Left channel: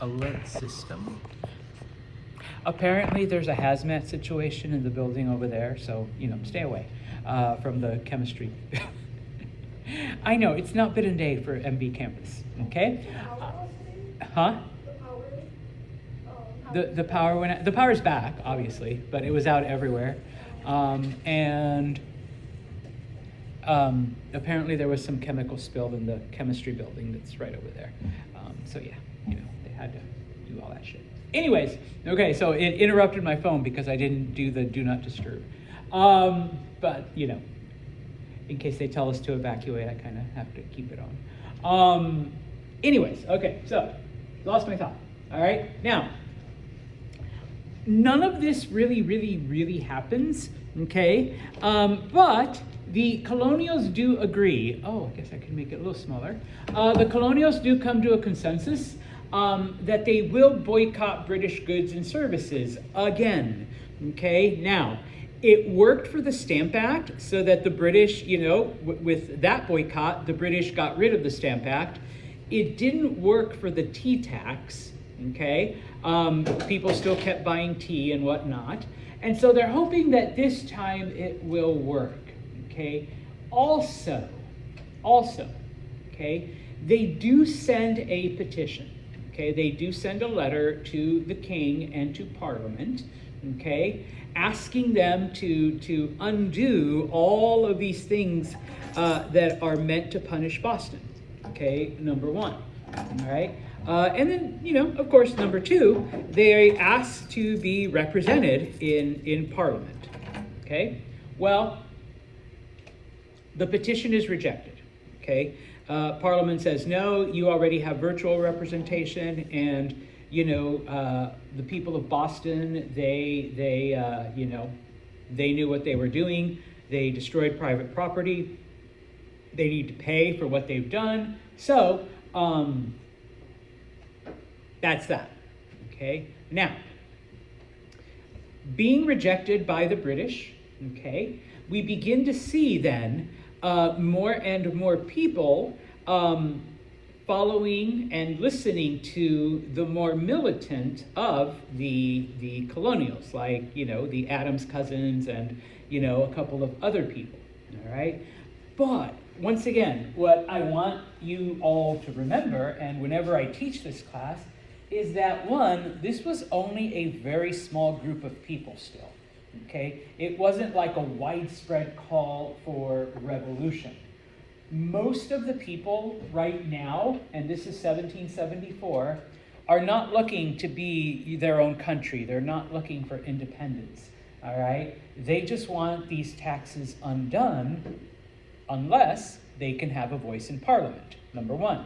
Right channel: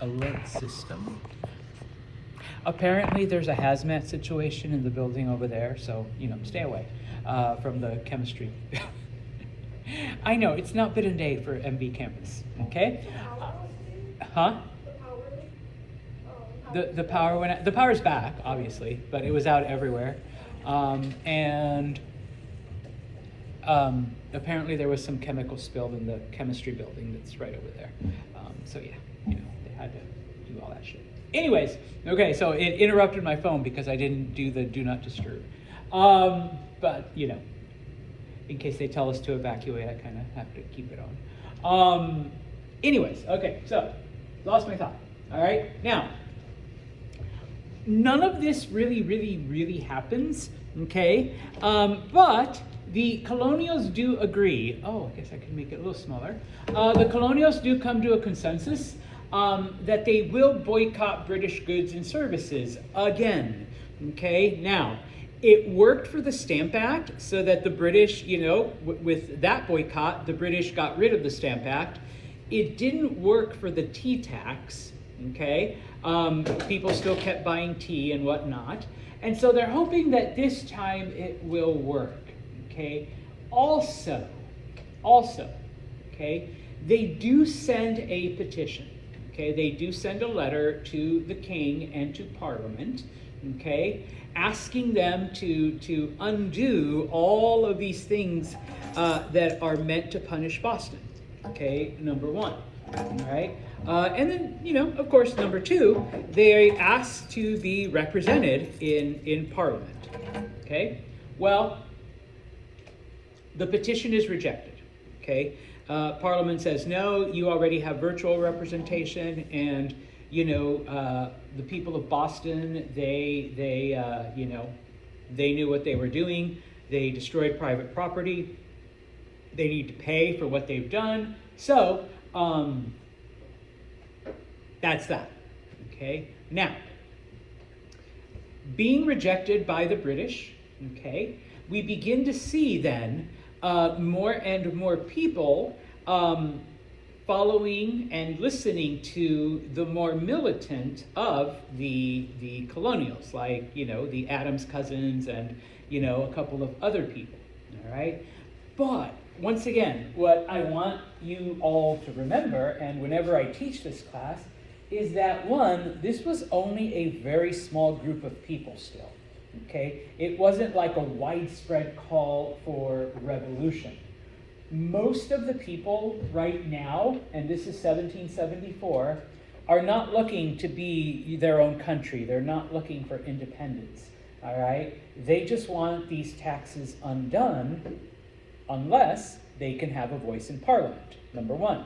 alert system. Apparently there's a hazmat situation in the building over there, so, stay away from the chemistry. I know, it's not been a day for MB campus, okay? Huh? The power went out. The power's back, obviously, but it was out everywhere. Apparently there was some chemical spilled in the chemistry building that's right over there. So yeah, they had to do all that shit. Anyways, okay, so it interrupted my phone because I didn't do the do not disturb. But in case they tell us to evacuate, I kind of have to keep it on. Anyways, okay, so lost my thought. All right, now none of this really happens. Okay, but the colonials do agree. Oh, I guess I can make it a little smaller. The colonials do come to a consensus that they will boycott British goods and services again. Okay, now it worked for the Stamp Act, so that the British, with that boycott, the British got rid of the Stamp Act. It didn't work for the tea tax. Okay, people still kept buying tea and whatnot, and so they're hoping that this time it will work. Okay, also, okay, they do send a petition. Okay, they do send a letter to the king and to Parliament. Okay, asking them to undo all of these things that are meant to punish Boston. Okay, number one. All right. And then, of course, number two, they asked to be represented in Parliament. Okay, well, the petition is rejected. Okay, Parliament says no. You already have virtual representation, and the people of Boston, they knew what they were doing. They destroyed private property. They need to pay for what they've done. So that's that. Okay, now being rejected by the British. Okay, we begin to see then more and more people following and listening to the more militant of the colonials, like the Adams cousins and a couple of other people. All right, but once again, what I want you all to remember, and whenever I teach this class, is that one, this was only a very small group of people still. Okay, it wasn't like a widespread call for revolution. Most of the people right now, and this is 1774, are not looking to be their own country. They're not looking for independence. All right, they just want these taxes undone, unless they can have a voice in Parliament. Number one.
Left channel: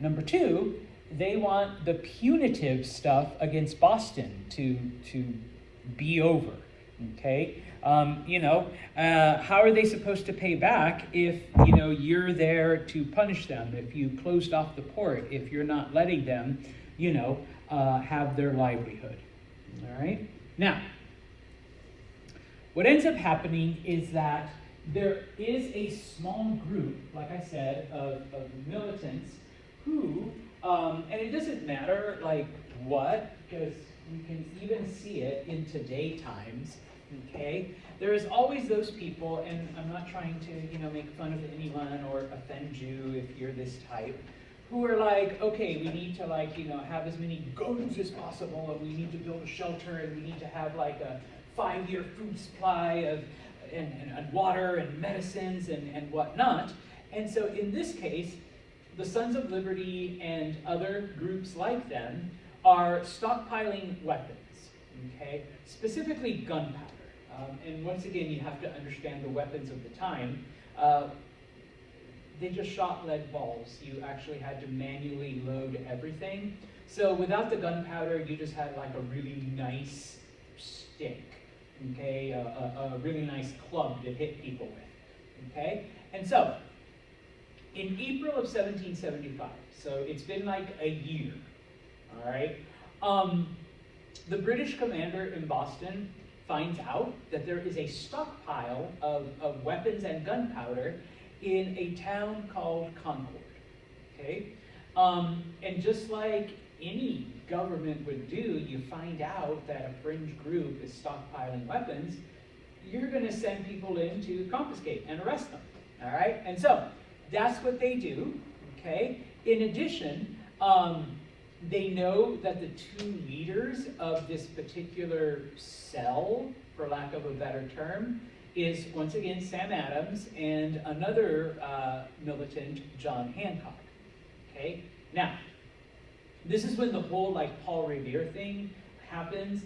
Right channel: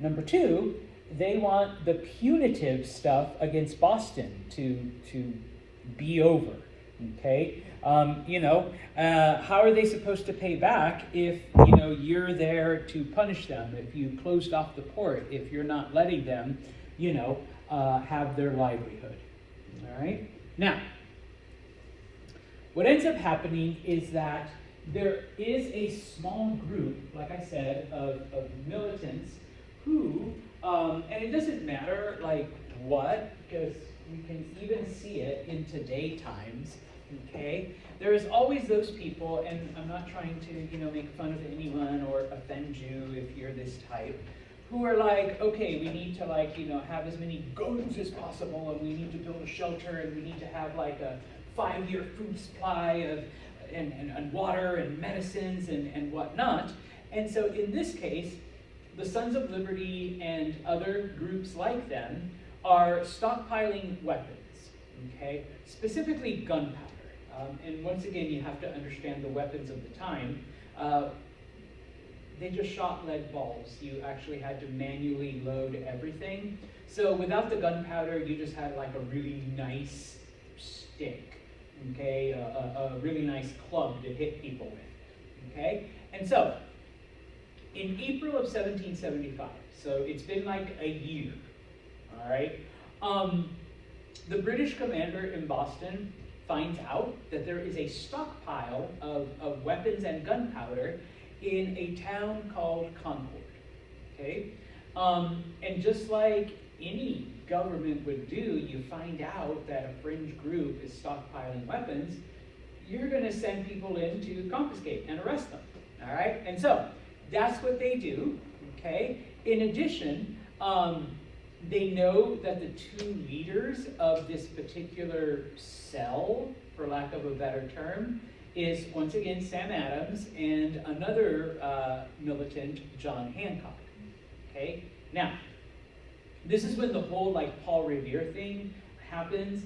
Number two, they want the punitive stuff against Boston to be over. Okay, how are they supposed to pay back if you're there to punish them? If you closed off the port, if you're not letting them, have their livelihood. All right. Now, what ends up happening is that there is a small group, like I said, of militants who, and it doesn't matter like what, because we can even see it in today times. Okay, there is always those people, and I'm not trying to, make fun of anyone or offend you if you're this type, who are like, okay, we need to have as many guns as possible, and we need to build a shelter, and we need to have like a 5-year food supply of and water and medicines and whatnot. And so in this case, the Sons of Liberty and other groups like them are stockpiling weapons, okay, specifically gunpowder. And once again, you have to understand the weapons of the time. They just shot lead balls. You actually had to manually load everything. So without the gunpowder, you just had like a really nice stick, okay, a really nice club to hit people with, okay? And so, in April of 1775, so it's been like a year, all right? The British commander in Boston finds out that there is a stockpile of weapons and gunpowder in a town called Concord, okay? And just like any government would do, you find out that a fringe group is stockpiling weapons, you're going to send people in to confiscate and arrest them. All right? And so that's what they do. Okay? In addition, they know that the two leaders of this particular cell, for lack of a better term, is once again Sam Adams and another militant, John Hancock. Okay? Now, this is when the whole like Paul Revere thing happens.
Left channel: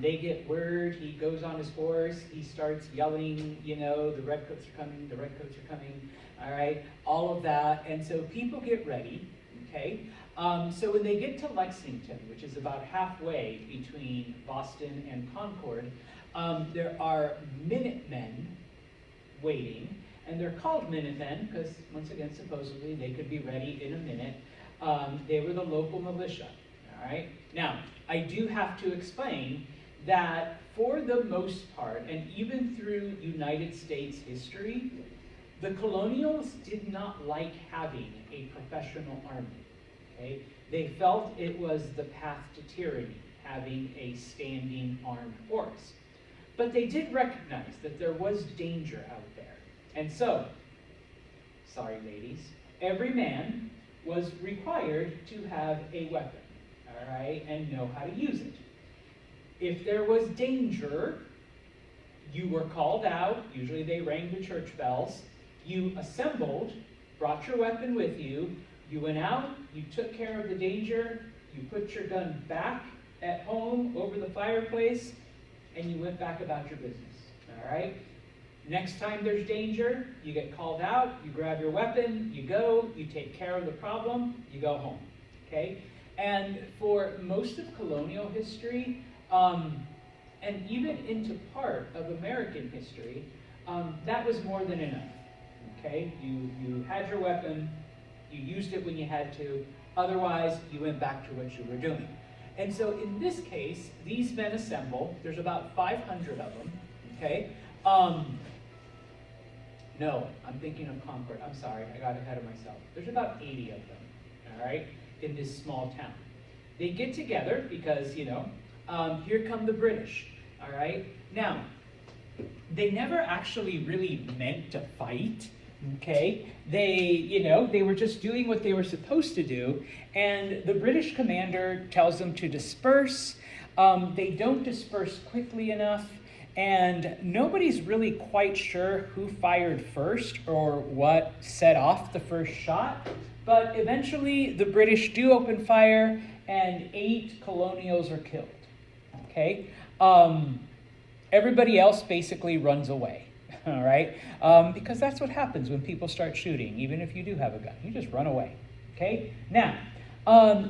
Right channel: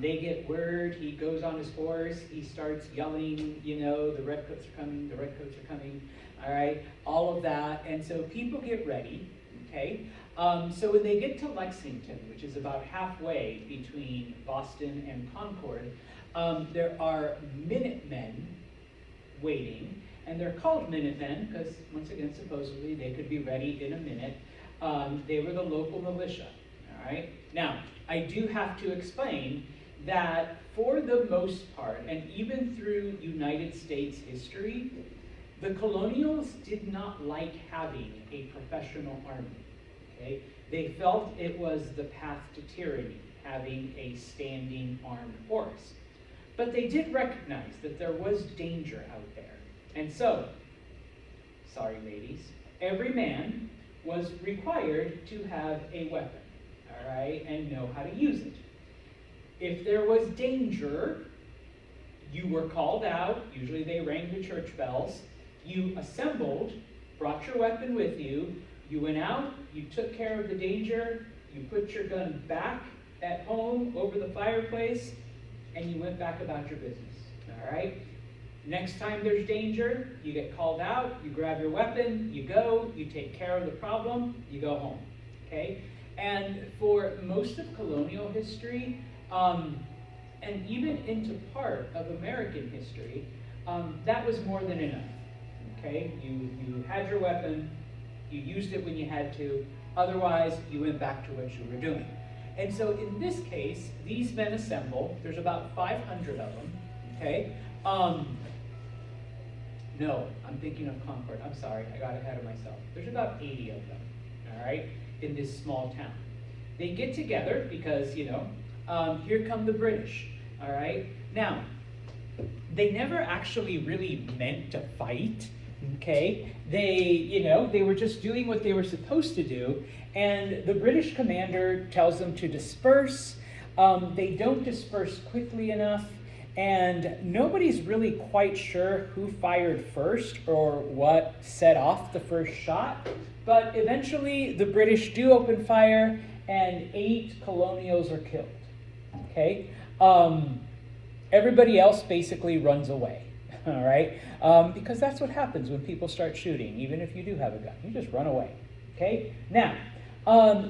They get word, he goes on his horse, he starts yelling, you know, the redcoats are coming, the redcoats are coming, all right, all of that. And so people get ready, okay? So when they get to Lexington, which is about halfway between Boston and Concord, there are Minutemen waiting, and they're called Minutemen because, once again, supposedly they could be ready in a minute. They were the local militia, all right? Now, I do have to explain that for the most part, and even through United States history, the colonials did not like having a professional army, okay? They felt it was the path to tyranny, having a standing armed force. But they did recognize that there was danger out there. And so, sorry ladies, every man was required to have a weapon, all right, and know how to use it. If there was danger, you were called out. Usually they rang the church bells. You assembled, brought your weapon with you. You went out, you took care of the danger, you put your gun back at home over the fireplace, and you went back about your business, all right? Next time there's danger, you get called out, you grab your weapon, you go, you take care of the problem, you go home, okay? And for most of colonial history, and even into part of American history, that was more than enough, okay? You had your weapon, you used it when you had to, otherwise you went back to what you were doing. And so in this case, these men assemble, there's about 500 of them, okay? No, I'm thinking of Concord. I'm sorry, I got ahead of myself. There's about 80 of them, all right, in this small town. They get together because, you know, here come the British, all right? Now, they never actually really meant to fight, okay? They were just doing what they were supposed to do, and the British commander tells them to disperse. They don't disperse quickly enough, and nobody's really quite sure who fired first or what set off the first shot, but eventually the British do open fire, and 8 colonials are killed, okay? Everybody else basically runs away. All right, because that's what happens when people start shooting. Even if you do have a gun, you just run away. Okay. Now,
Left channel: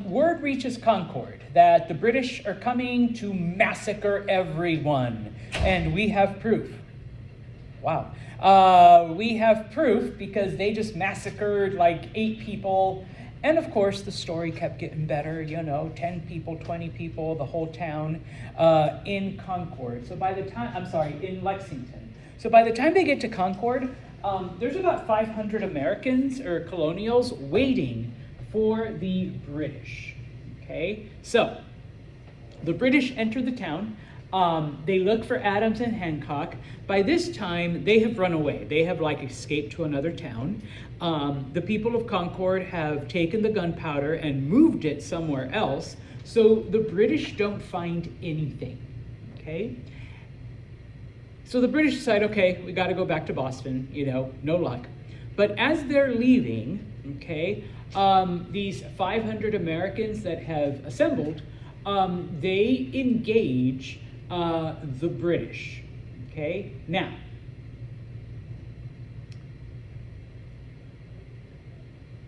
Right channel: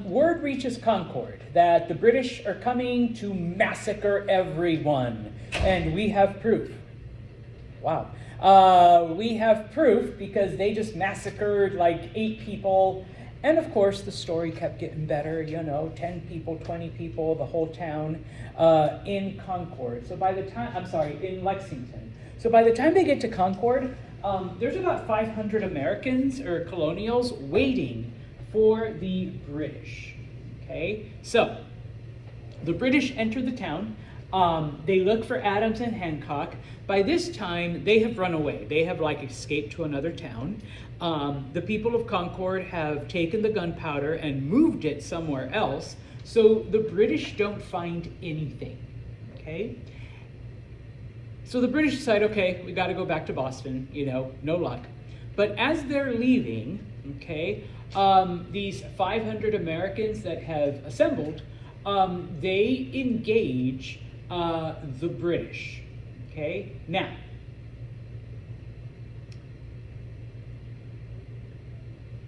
word reaches Concord that the British are coming to massacre everyone, and we have proof. Wow, we have proof because they just massacred like 8 people, and of course the story kept getting better. You know, 10 people, 20 people, the whole town in Concord. So by the time, in Lexington. So by the time they get to Concord, there's about 500 Americans or colonials waiting for the British, okay? So the British enter the town. They look for Adams and Hancock. By this time, they have run away. They have like escaped to another town. The people of Concord have taken the gunpowder and moved it somewhere else, so the British don't find anything, okay? So the British decide, okay, we got to go back to Boston, you know, no luck. But as they're leaving, okay, these 500 Americans that have assembled, they engage the British, okay? Now,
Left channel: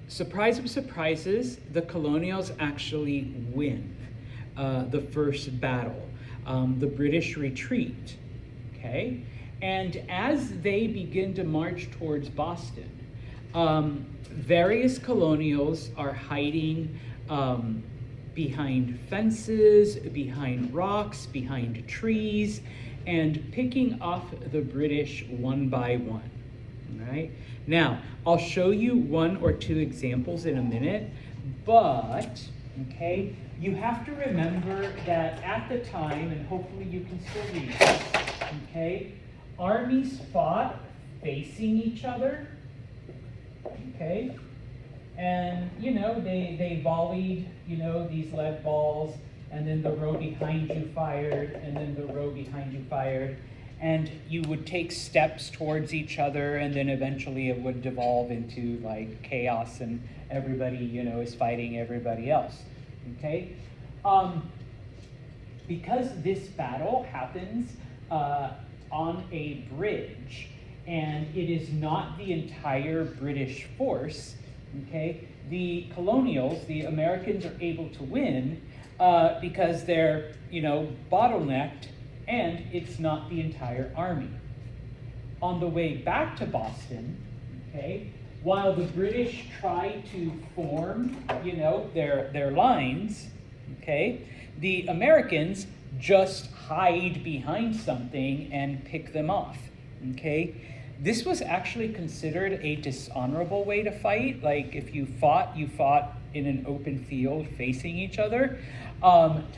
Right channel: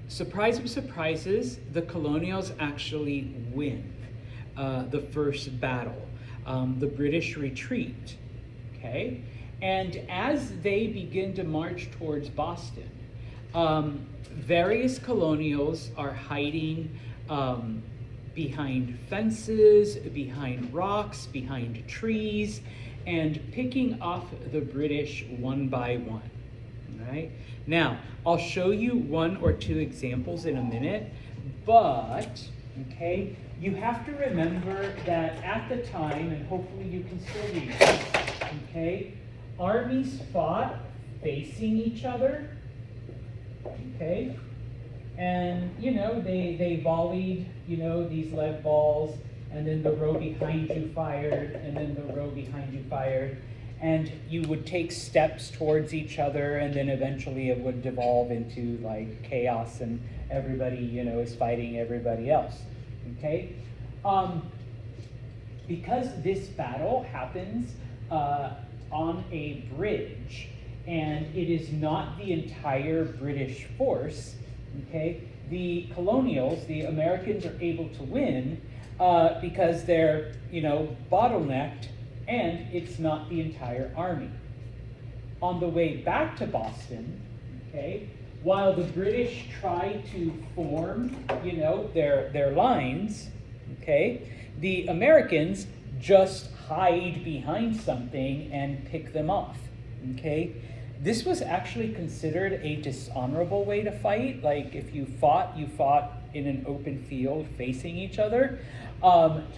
surprise of surprises, the colonials actually win the first battle. The British retreat. Okay? And as they begin to march towards Boston, various colonials are hiding behind fences, behind rocks, behind trees, and picking off the British one by one. All right? Now, I'll show you 1 or 2 examples in a minute, but Okay? You have to remember that at the time, and hopefully you can still read this, okay? Armies fought facing each other, okay? And, you know, they volleyed, you know, these lead balls, and then the row behind you fired, and then the row behind you fired. And you would take steps towards each other, and then eventually it would devolve into like chaos, and everybody, you know, is fighting everybody else, okay? Because this battle happens on a bridge, and it is not the entire British force, okay? The colonials, the Americans, are able to win because they're, you know, bottlenecked, and it's not the entire army. On the way back to Boston, okay, while the British try to form, you know, their lines, okay, the Americans just hide behind something and pick them off, okay? This was actually considered a dishonorable way to fight. Like, if you fought in an open field facing each other,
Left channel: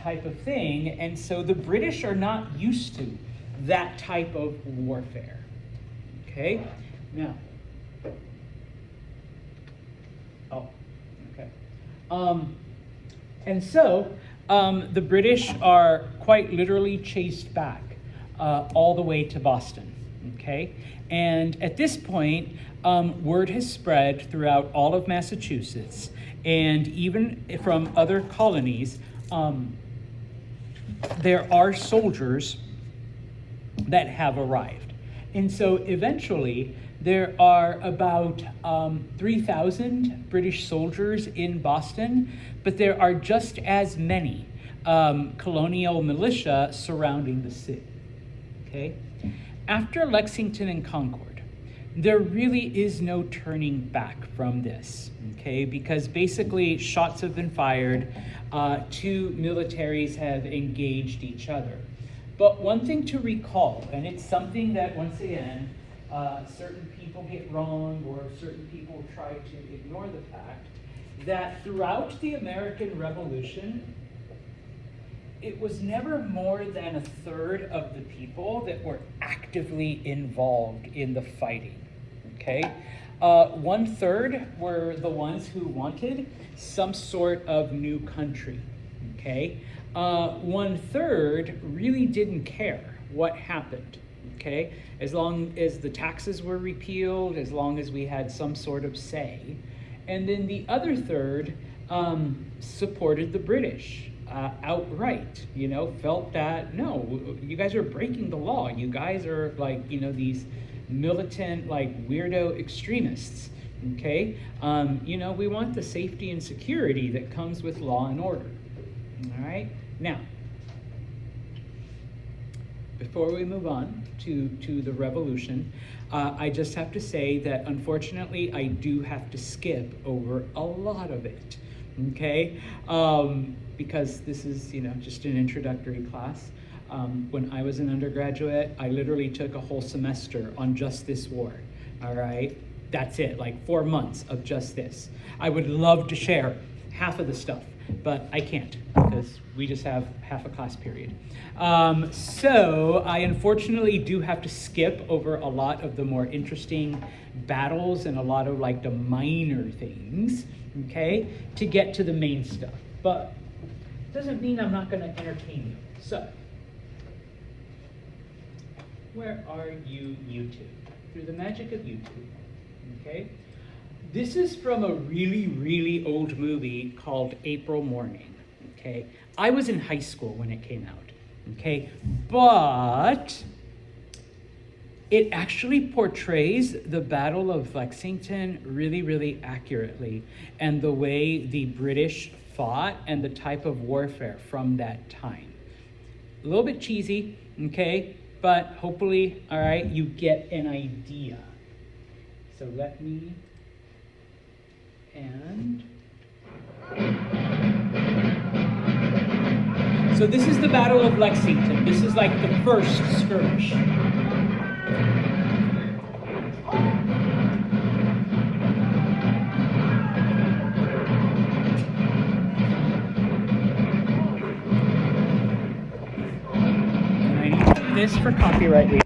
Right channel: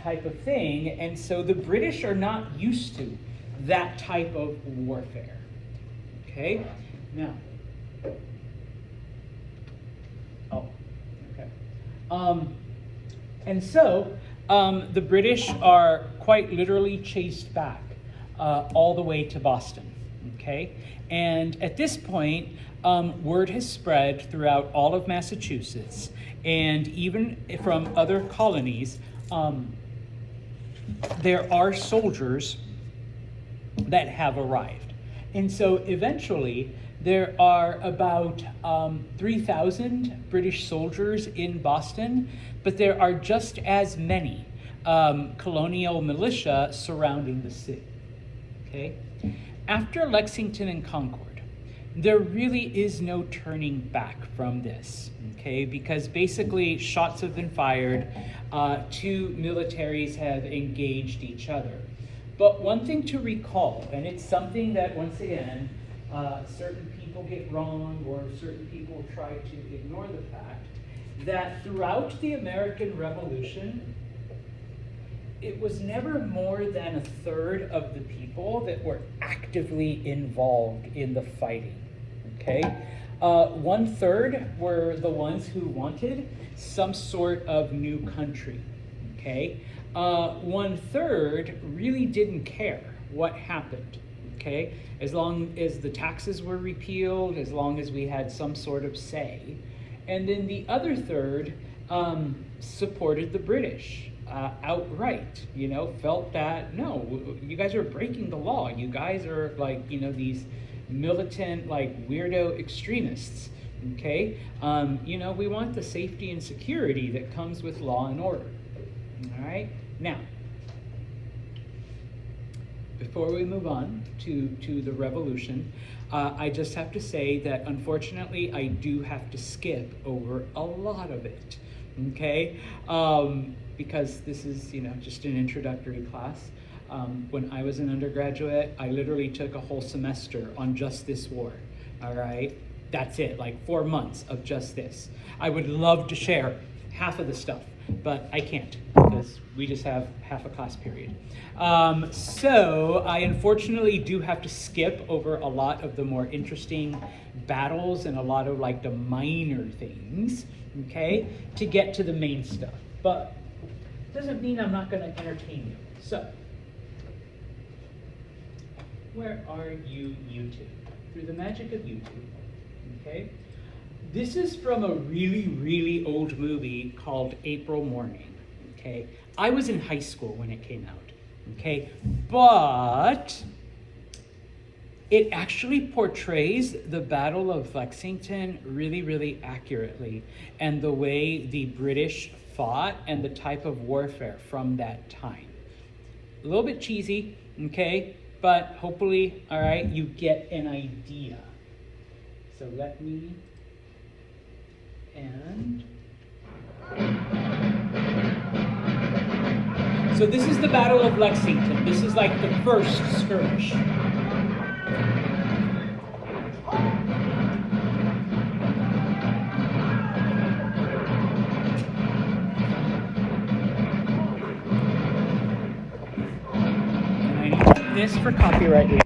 type of thing. And so the British are not used to that type of warfare, okay? Now, and so the British are quite literally chased back all the way to Boston, okay? And at this point, word has spread throughout all of Massachusetts, and even from other colonies. There are soldiers that have arrived. And so eventually there are about 3,000 British soldiers in Boston, but there are just as many colonial militia surrounding the city, okay? After Lexington and Concord, there really is no turning back from this, okay? Because basically shots have been fired, two militaries have engaged each other. But one thing to recall, and it's something that, once again, certain people get wrong, or certain people try to ignore the fact, that throughout the American Revolution, it was never more than a third of the people that were actively involved in the fighting, okay? 1/3 were the ones who wanted some sort of new country, okay? 1/3 really didn't care what happened, okay? As long as the taxes were repealed, as long as we had some sort of say. And then the other third supported the British outright, you know, felt that, no, you guys are breaking the law. You guys are like, you know, these militant, like weirdo extremists, okay? You know, we want the safety and security that comes with law and order, all right? Now, before we move on to the revolution, I just have to say that unfortunately I do have to skip over a lot of it, okay? Because this is, you know, just an introductory class. When I was an undergraduate, I literally took a whole semester on just this war, all right? That's it, like 4 months of just this. I would love to share half of the stuff, but I can't because we just have half a class period. So I unfortunately do have to skip over a lot of the more interesting battles and a lot of like the minor things, okay, to get to the main stuff. But doesn't mean I'm not going to entertain you. So, where are you, YouTube? Through the magic of YouTube, okay? This is from a really, really old movie called April Morning, okay? I was in high school when it came out, okay? But it actually portrays the Battle of Lexington really, really accurately, and the way the British fought and the type of warfare from that time. A little bit cheesy, okay? But hopefully, all right, you get an idea. So let me, so this is the Battle of Lexington. This is like the first skirmish. is for copyright reasons.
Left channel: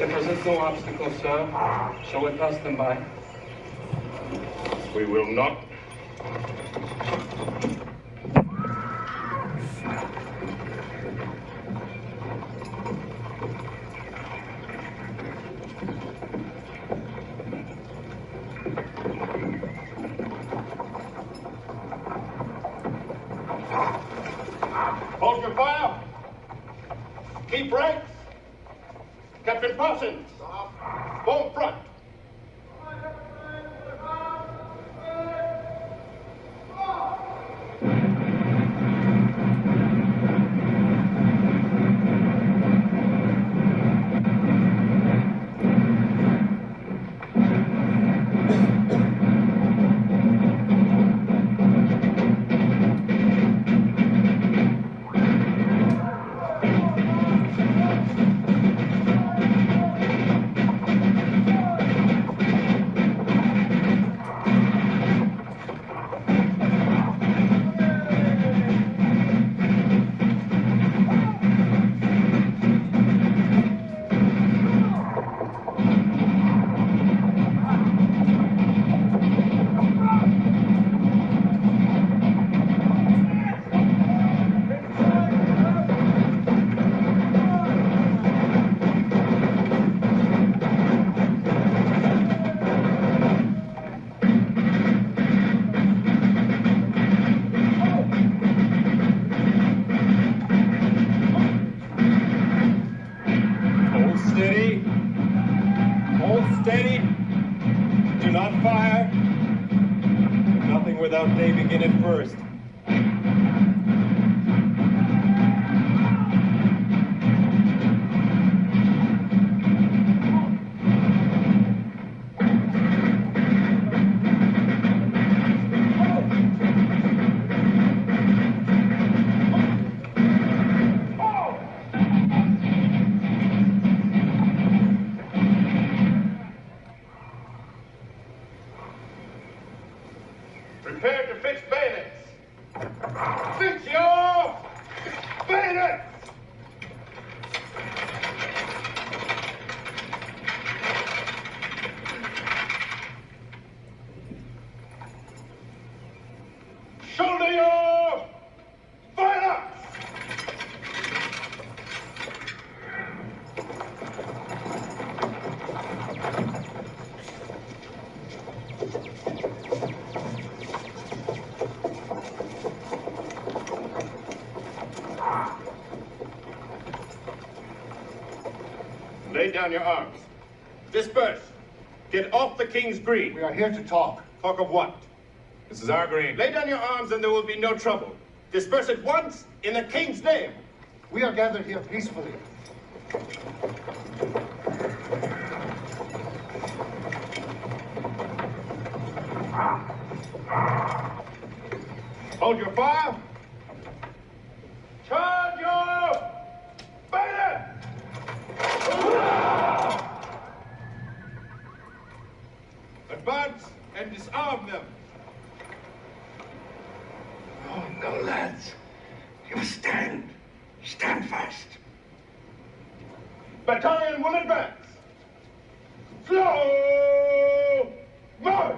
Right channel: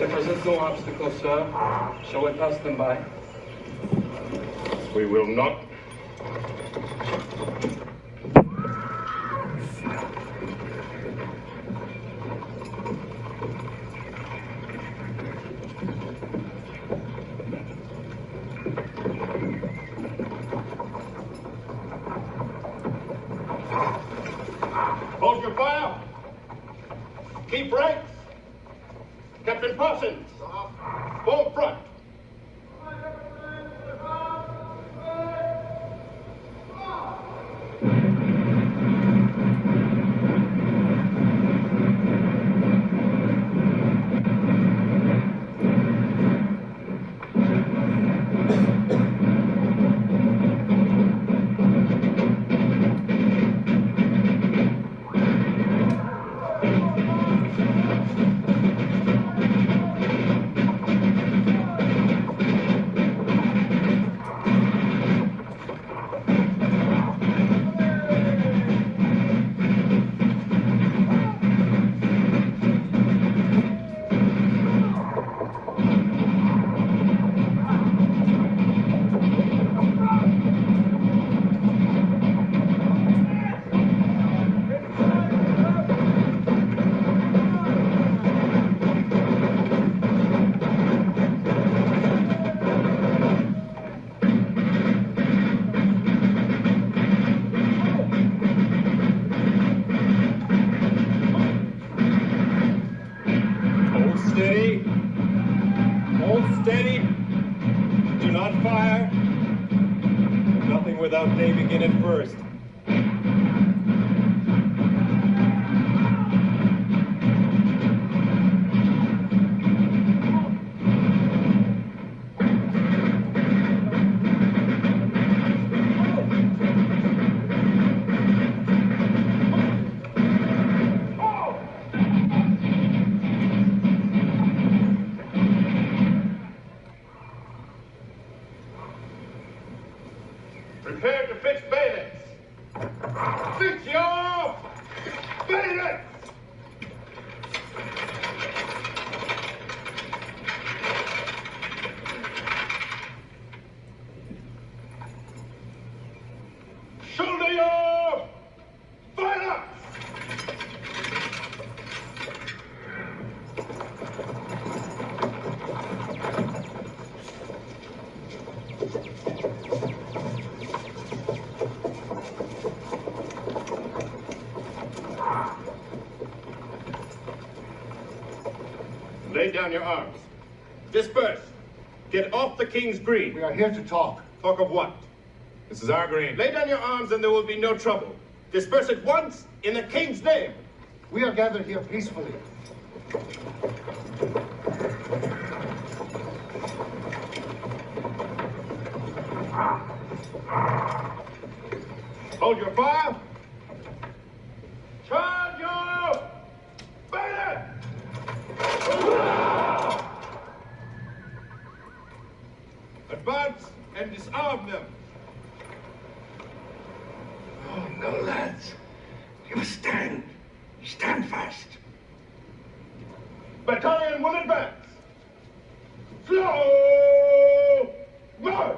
If there's no obstacle, sir, shall we pass them by? We will not. Hold your fire. Keep right. Captain Parsons, form front. Hold steady. Hold steady. Do not fire. Nothing without day begin at first. Prepare to fix bayonets. Fix your bayonets! Shoulder your bayonets! Lay down your arms. Disperse. Get off the King's Green. We are here to talk. Talk of what? This is our green. Lay down your arms and there will be no trouble. Disperse at once in the King's name. We are gathered here peacefully. Hold your fire. Charge your bayonet! Advance and disarm them. Oh, no, lads. You stand. Stand fast. Battalion will advance. Slow march!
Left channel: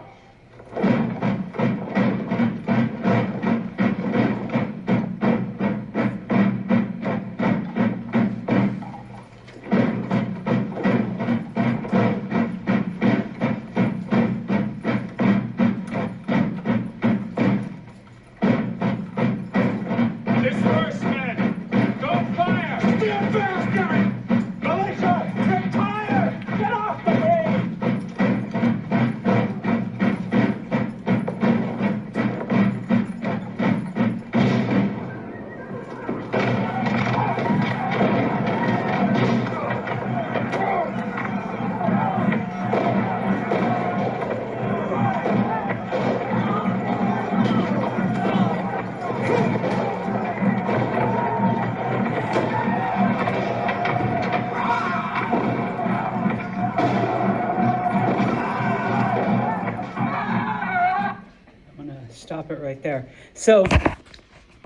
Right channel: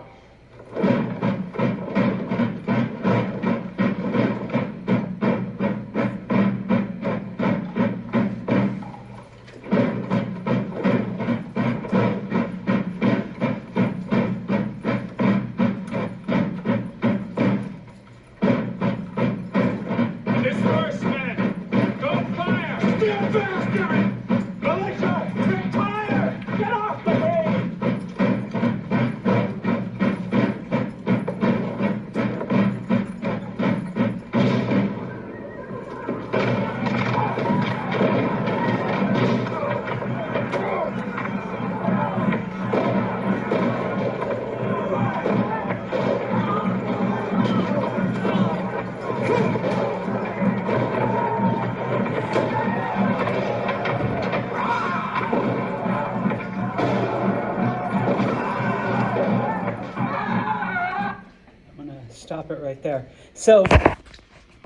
stop it right there. So,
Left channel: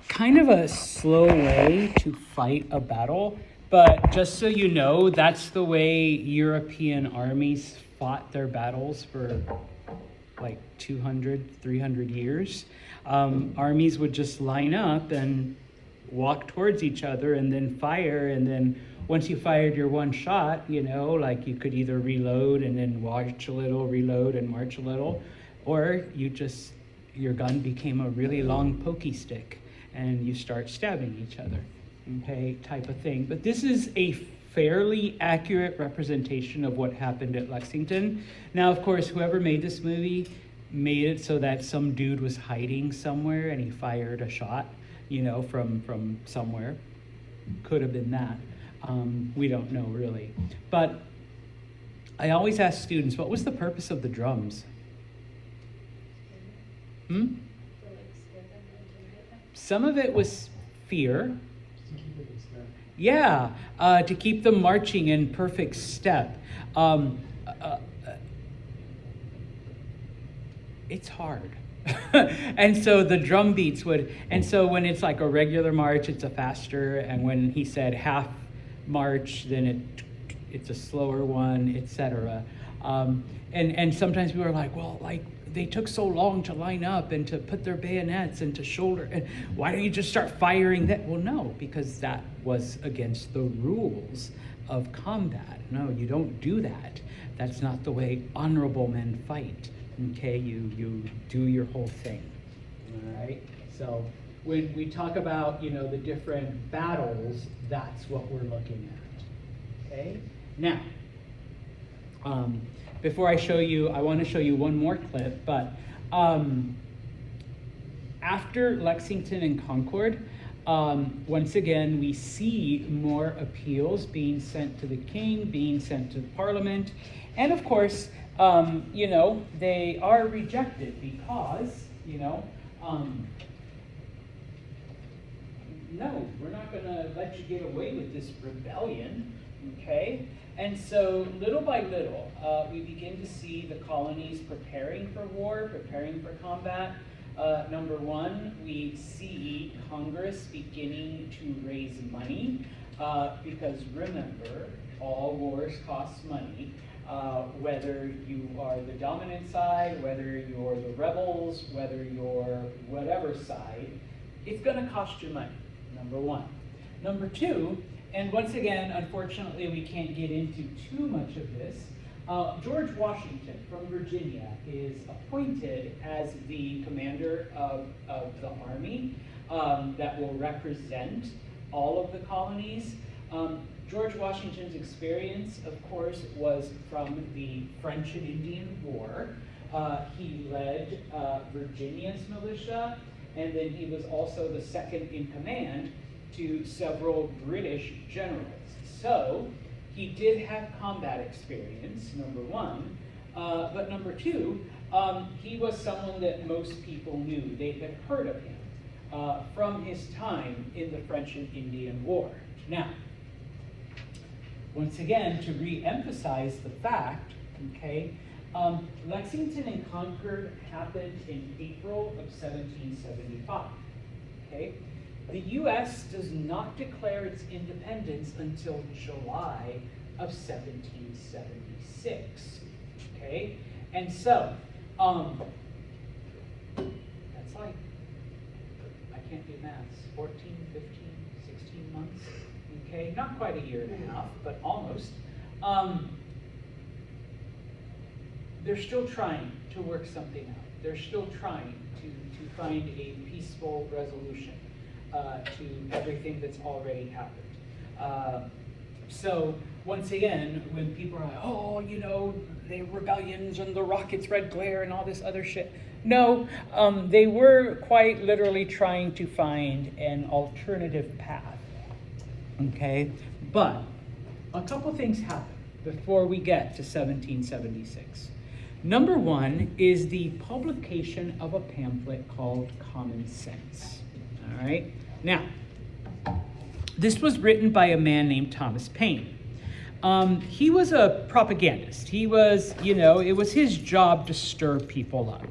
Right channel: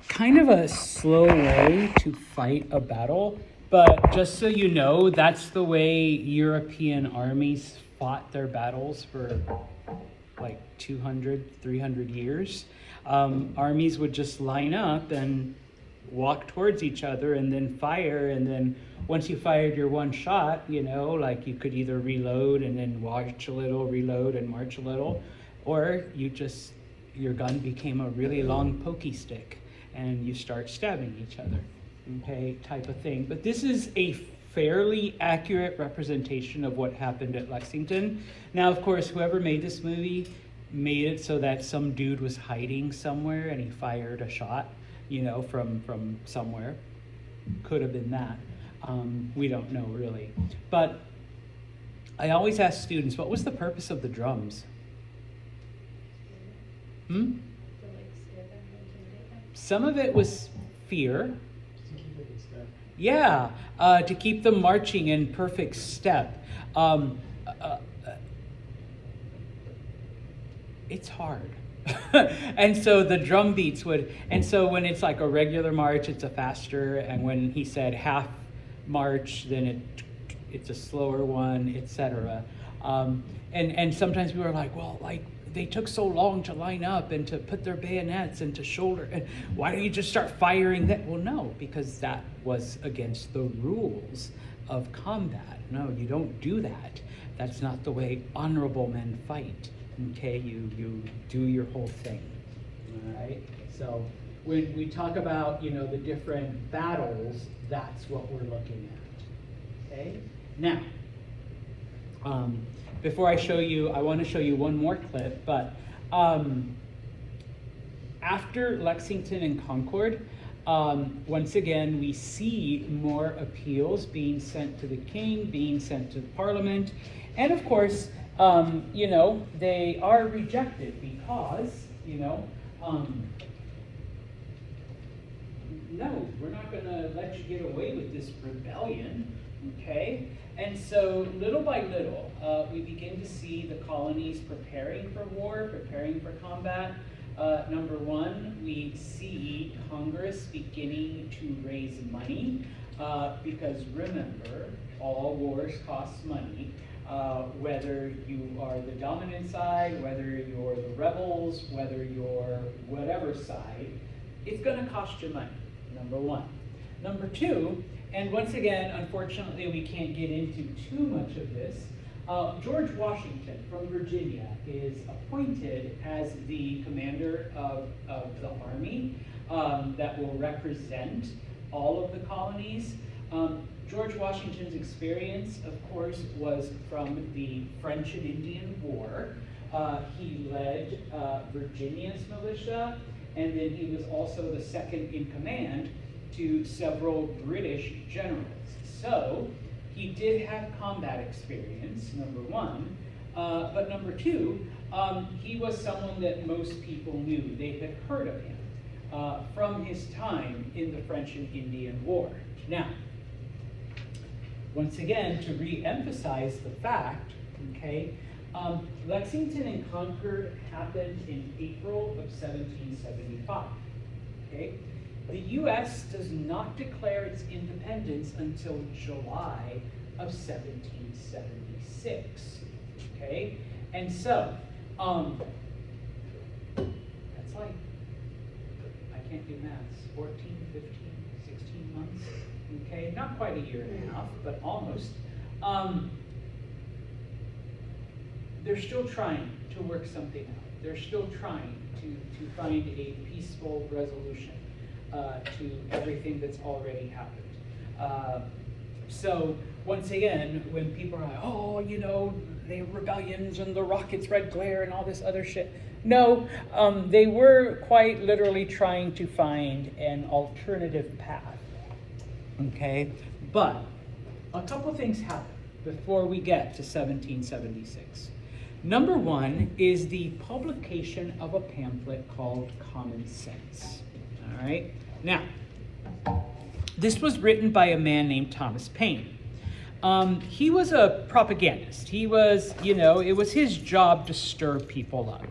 kind of a slow way to fight a battle, but just so you know, that's the way European armies fought their battles for like 200, 300 years. Armies would just line up and walk towards each other and then fire, and then once you fired your one shot, you know, like you could either reload and then march a little, reload and march a little, or your gun became a really long pokey stick and you start stabbing each other, okay, type of thing. But this is a fairly accurate representation of what happened at Lexington. Now, of course, whoever made this movie made it so that some dude was hiding somewhere and he fired a shot, you know, from somewhere. Could have been that. We don't know really. But I always ask students, what was the purpose of the drums? Some of it was fear. Yeah, to keep them marching in perfect step. It's hard. And so the drum beats would, and so when it's like a regular march, it's a faster, and when he said half march, then it's a slower one, etc. And sometimes we were like, well, like they took so long to line up and to put their bayonets and to shoulder, and why don't you just start firing that? Well, no, because that was against the rules of combat. No, you don't do that. That's not the way honorable men fight. Okay, you do your whole thing. All right. So when we talk about, you know, the different battles, that's what we're looking at. Okay. Now, before I show you, I want to show you one more clip. But after Lexington and Concord, once again, we see more appeals being sent to the king, being sent to Parliament, and of course, you know, they are rejected because, you know, no, we're not going to let you get away with this rebellion, okay? And so, little by little, we begin to see the colonies preparing for war, preparing for combat. Number one, we see Congress beginning to raise money, because remember, all wars cost money. Whether you are the dominant side, whether you're the rebels, whether you're whatever side, it's going to cost you money, number one. Number two, and once again, unfortunately, we can't get into too much of this, George Washington from Virginia is appointed as the commander of the army that will represent all of the colonies. George Washington's experience, of course, was from the French and Indian War. He led Virginia's militia, and then he was also the second in command to several British generals. So he did have combat experience, number one, but number two, he was someone that most people knew. They had heard of him from his time in the French and Indian War. Now, once again, to re-emphasize the fact, okay, Lexington and Concord happened in April of 1775, okay? The U.S. does not declare its independence until July of 1776, okay? And so, that's like, I can't do maths, 14, 15, 16 months, okay? Not quite a year and a half, but almost. They're still trying to work something out. They're still trying to find a peaceful resolution to everything that's already happened. So once again, when people are like, oh, you know, the rebellions and the rockets' red glare and all this other shit. No, they were quite literally trying to find an alternative path. Okay, but a couple things happen before we get to 1776. Number one is the publication of a pamphlet called Common Sense. All right, now, this was written by a man named Thomas Paine. He was a propagandist. He was, you know, it was his job to stir people up.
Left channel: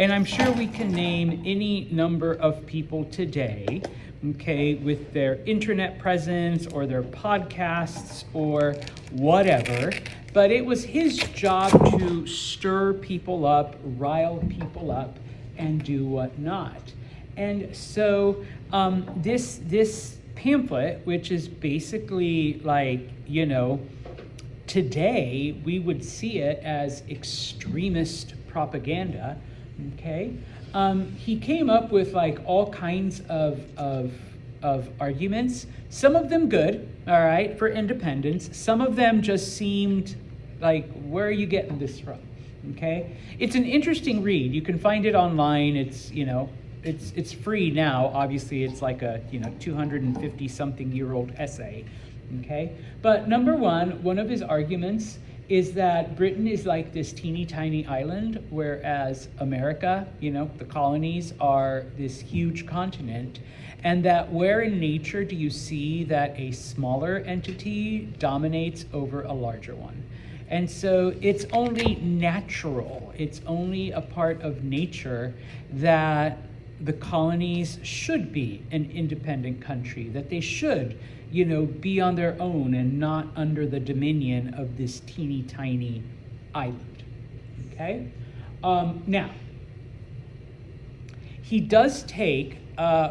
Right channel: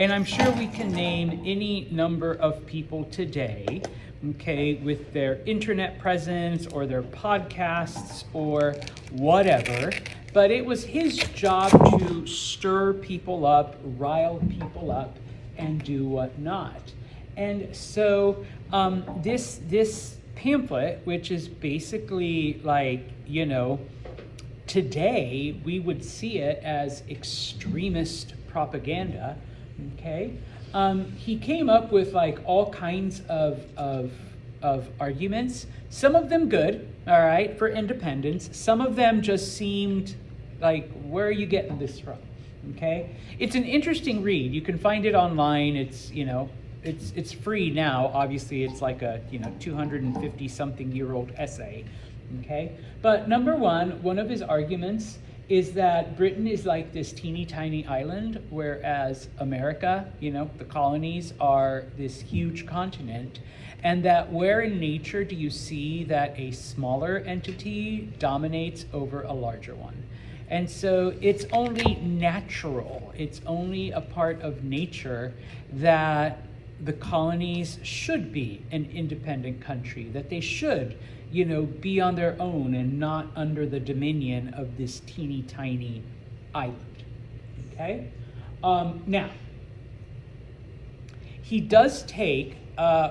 And I'm sure we can name any number of people today, okay, with their internet presence or their podcasts or whatever. But it was his job to stir people up, rile people up, and do whatnot. And so this pamphlet, which is basically like, you know, today we would see it as extremist propaganda, okay? He came up with like all kinds of arguments, some of them good, all right, for independence. Some of them just seemed like, where are you getting this from, okay? It's an interesting read. You can find it online. It's, you know, it's free now. Obviously, it's like a, you know, 250-something-year-old essay, okay? But number one of his arguments is that Britain is like this teeny tiny island, whereas America, you know, the colonies are this huge continent, and that where in nature do you see that a smaller entity dominates over a larger one? And so it's only natural, it's only a part of nature that the colonies should be an independent country, that they should, you know, be on their own and not under the dominion of this teeny tiny island, okay? Now, he does take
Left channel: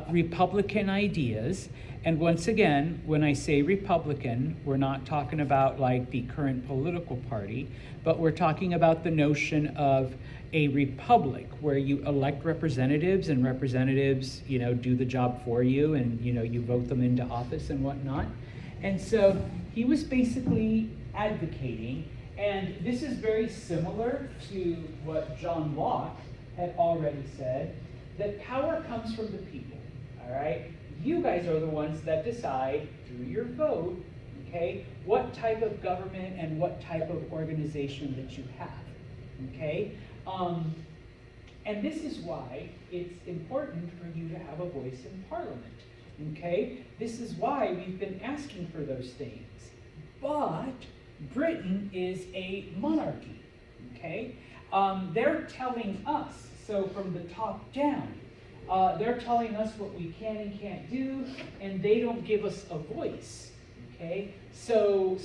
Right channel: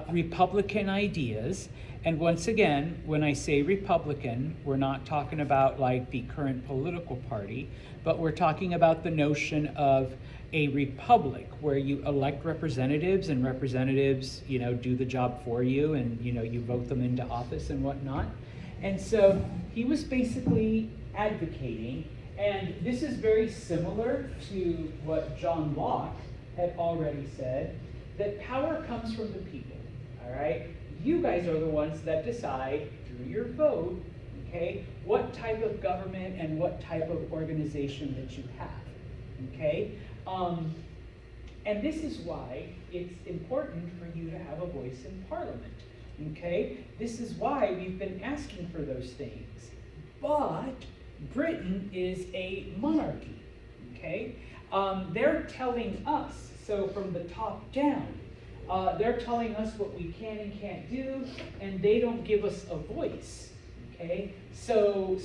Republican ideas, and once again, when I say Republican, we're not talking about like the current political party, but we're talking about the notion of a republic where you elect representatives, and representatives, you know, do the job for you, and, you know, you vote them into office and whatnot. And so he was basically advocating, and this is very similar to what John Locke had already said, that power comes from the people, all right? You guys are the ones that decide through your vote, okay, what type of government and what type of organization that you have, okay? And this is why it's important for you to have a voice in Parliament, okay? This is why we've been asking for those things. But Britain is a monarchy, okay? They're telling us, so from the top down, they're telling us what we can and can't do, and they don't give us a voice, okay? So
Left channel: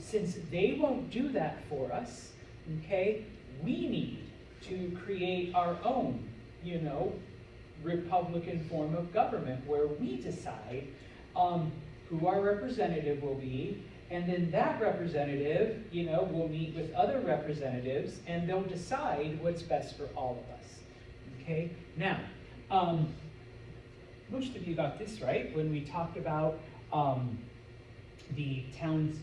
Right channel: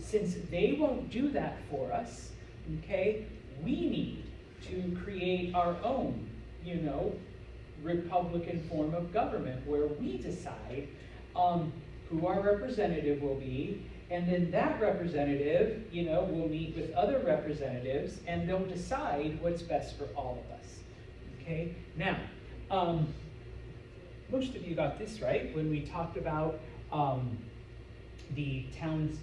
since they won't do that for us, okay, we need to create our own, you know, Republican form of government where we decide who our representative will be, and then that representative, you know, will meet with other representatives, and they'll decide what's best for all of us, okay? Now, most of you got this right when we talked about the town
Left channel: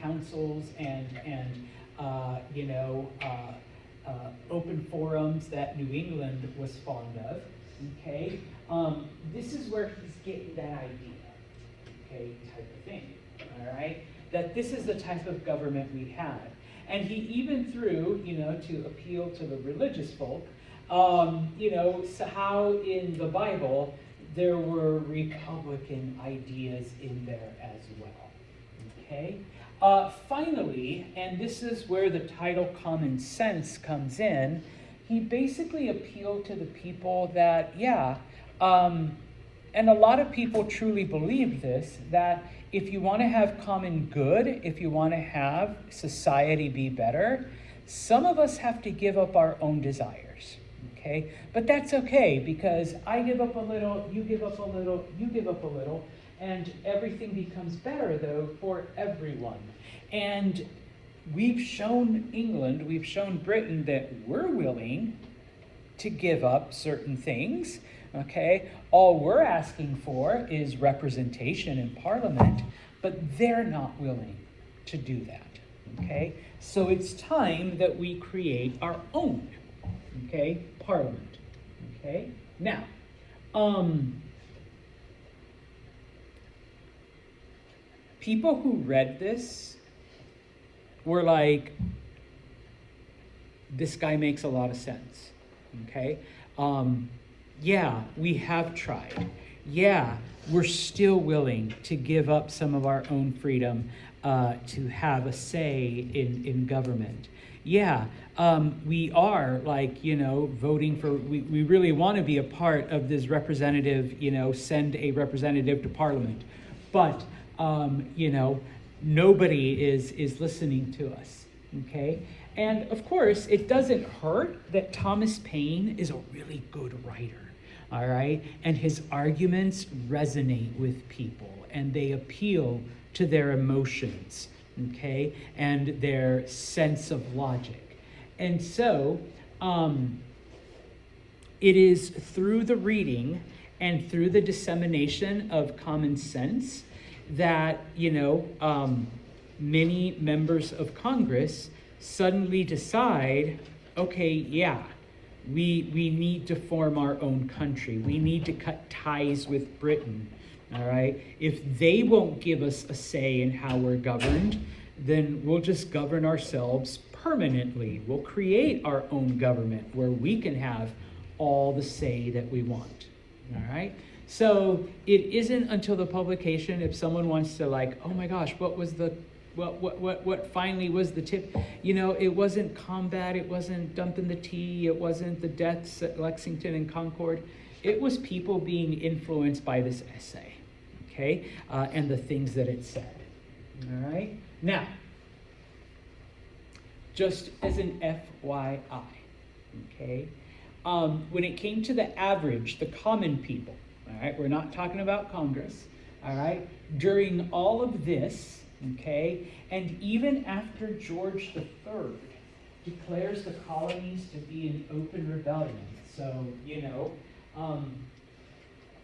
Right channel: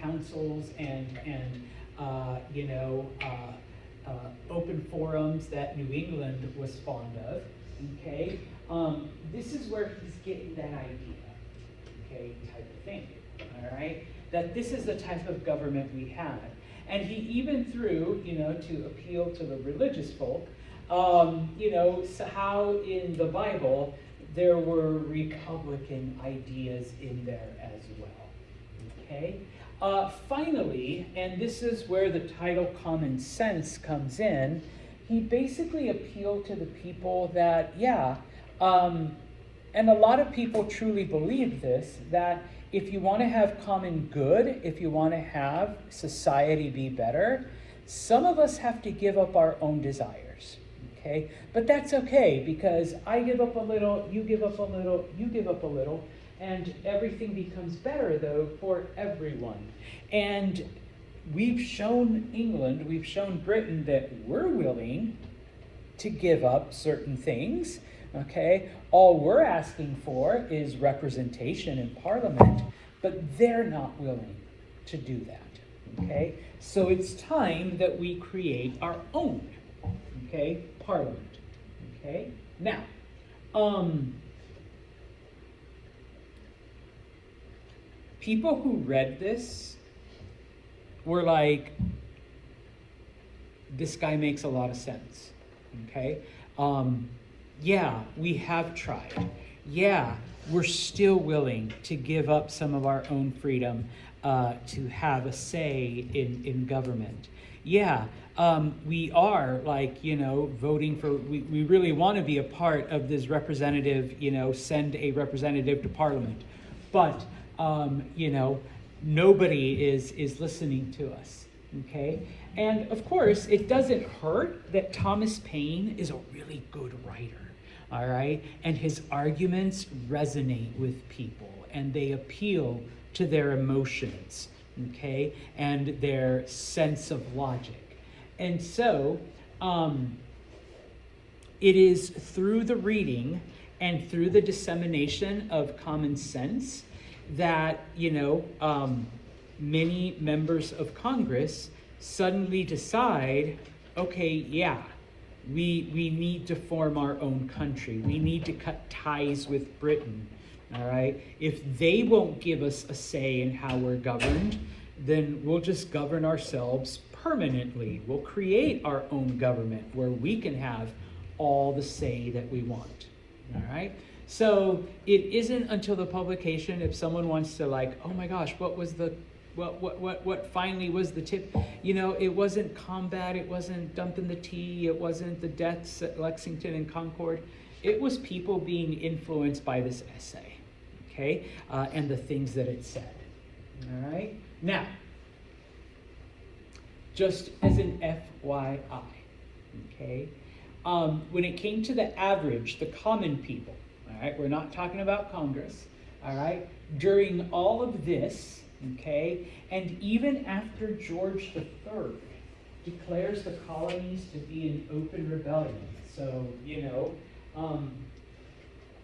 councils and you know, open forums that New England was fond of, okay? This is where he's getting that idea, okay, type of thing, all right? That this is the type of government we have. And he even threw, you know, to appeal to the religious folk, you know, so how in the Bible there were Republican ideas in there as well, okay? Finally, and this is where the title Common Sense comes in, he basically appealed to the people that, yeah, and a lot of people truly believe this, that if you want to have common good, if you want to have society be better, some of us have to give up our own desires, okay? But that's okay, because I give up a little, you give up a little, you give up a little, and everything becomes better, though, for everyone. And we've shown England, we've shown Britain that we're willing to give up certain things, okay? All we're asking for is representation in Parliament, but they're not willing to do that, okay? So it's time that we create our own, okay, Parliament, okay? Now, people who read this were like, this guy makes a lot of sense, okay? Yeah, we have tried. Yeah, we're still willing to give up some of our own freedom to have a say in government. Yeah, we are like, voting for, we really want to be a part of this representative, send a representative to Parliament. But, nobody is listening to us, okay? And of course, it doesn't hurt that Thomas Paine is a really good writer, all right? And his arguments resonate with people, and they appeal to their emotions, okay? And their sense of logic. And so, it is through the reading and through the dissemination of common sense that, many members of Congress suddenly decide, okay, yeah, we need to form our own country. We need to cut ties with Britain, all right? If they won't give us a say in how we're governed, then we'll just govern ourselves permanently. We'll create our own government where we can have all the say that we want, all right? So it isn't until the publication, if someone wants to like, oh my gosh, what finally was the tip? It wasn't combat, it wasn't dumping the tea, it wasn't the deaths at Lexington and Concord. It was people being influenced by this essay, okay? And the things that it said, all right? Now, just as an FYI, okay? When it came to the average, the common people, all right? We're not talking about Congress, all right? During all of this, okay, and even after George III declares the colonies to be an open rebellion, so,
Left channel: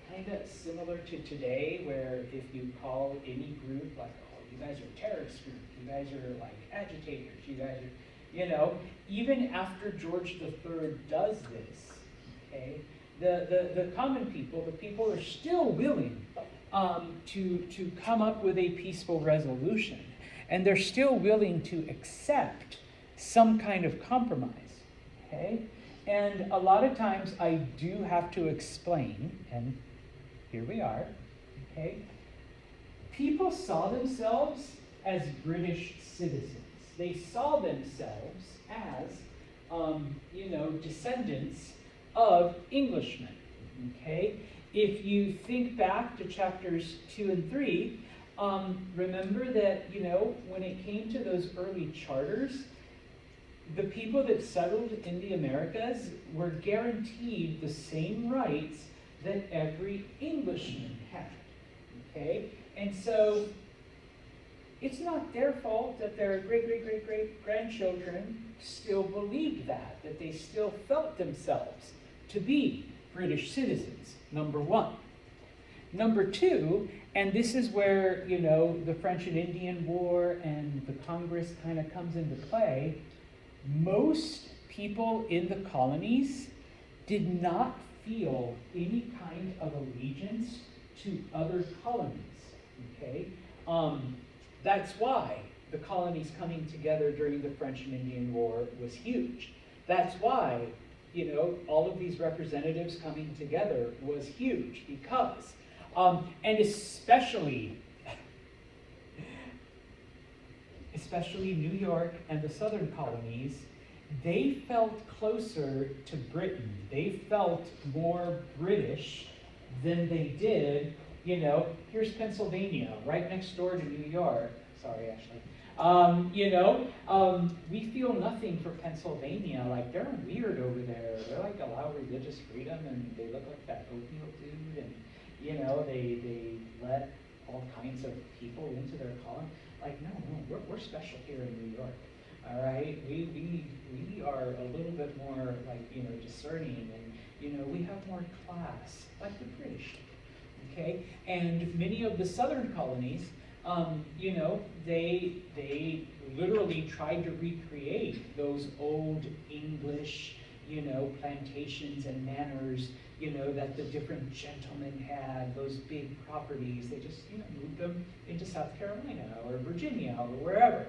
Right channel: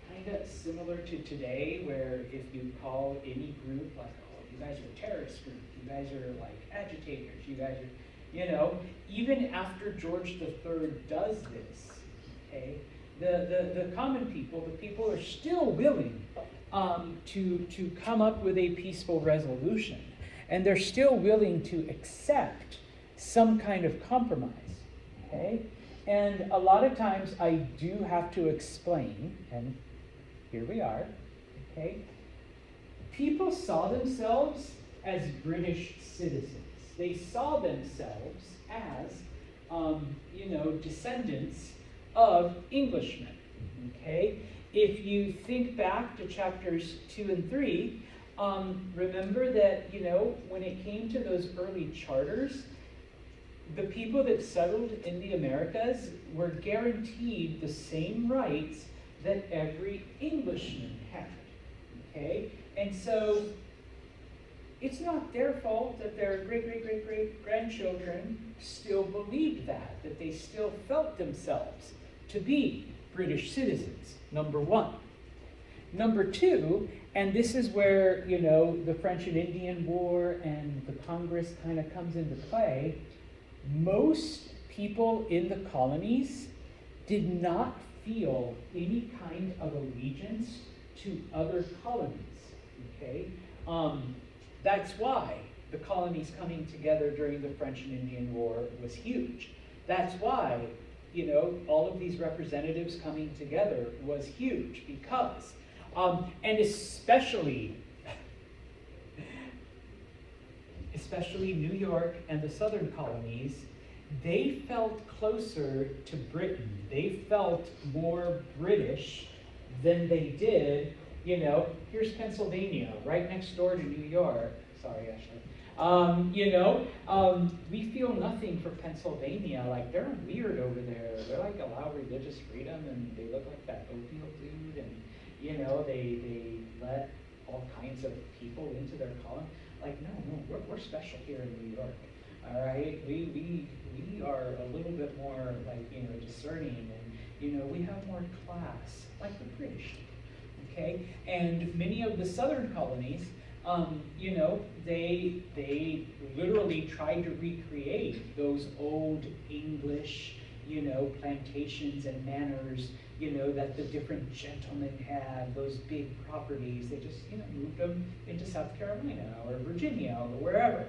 kind of similar to today, where if you call any group like, oh, you guys are terrorist group, you guys are like agitators, you guys are, even after George III does this, okay, the common people, the people are still willing to come up with a peaceful resolution, and they're still willing to accept some kind of compromise, okay? And a lot of times I do have to explain, and here we are, okay? People saw themselves as British citizens. They saw themselves as, descendants of Englishmen, okay? If you think back to chapters 2 and 3, remember that, when it came to those early charters, the people that settled in the Americas were guaranteed the same rights that every Englishman had, okay? And so it's not their fault that their great-great-great-great-grandchildren still believed that they still felt themselves to be British citizens, number one. Number two, and this is where, the French and Indian War and the Congress kind of comes into play, most people in the colonies did not feel any kind of allegiance to other colonies, okay? That's why the colonies coming together during the French and Indian War was huge. That's why, all of these representatives coming together was huge, because, and especially New York and the southern colonies, they felt closer to Britain. They felt more British than they did, here's Pennsylvania, right next door to New York. Sorry, Ashley. We feel nothing for Pennsylvania. Like, they're weird over there. They're like allow religious freedom, and they look like that opium food, and they let all kinds of people into their colony. Like, no, we're special here in New York. All right, we are a little bit more like discerning, and we have more class, like the British. Okay, and many of the southern colonies, they literally tried to recreate those old English, plantations and manors, that the different gentlemen had, those big properties. They just, moved them into South Carolina or Virginia or wherever,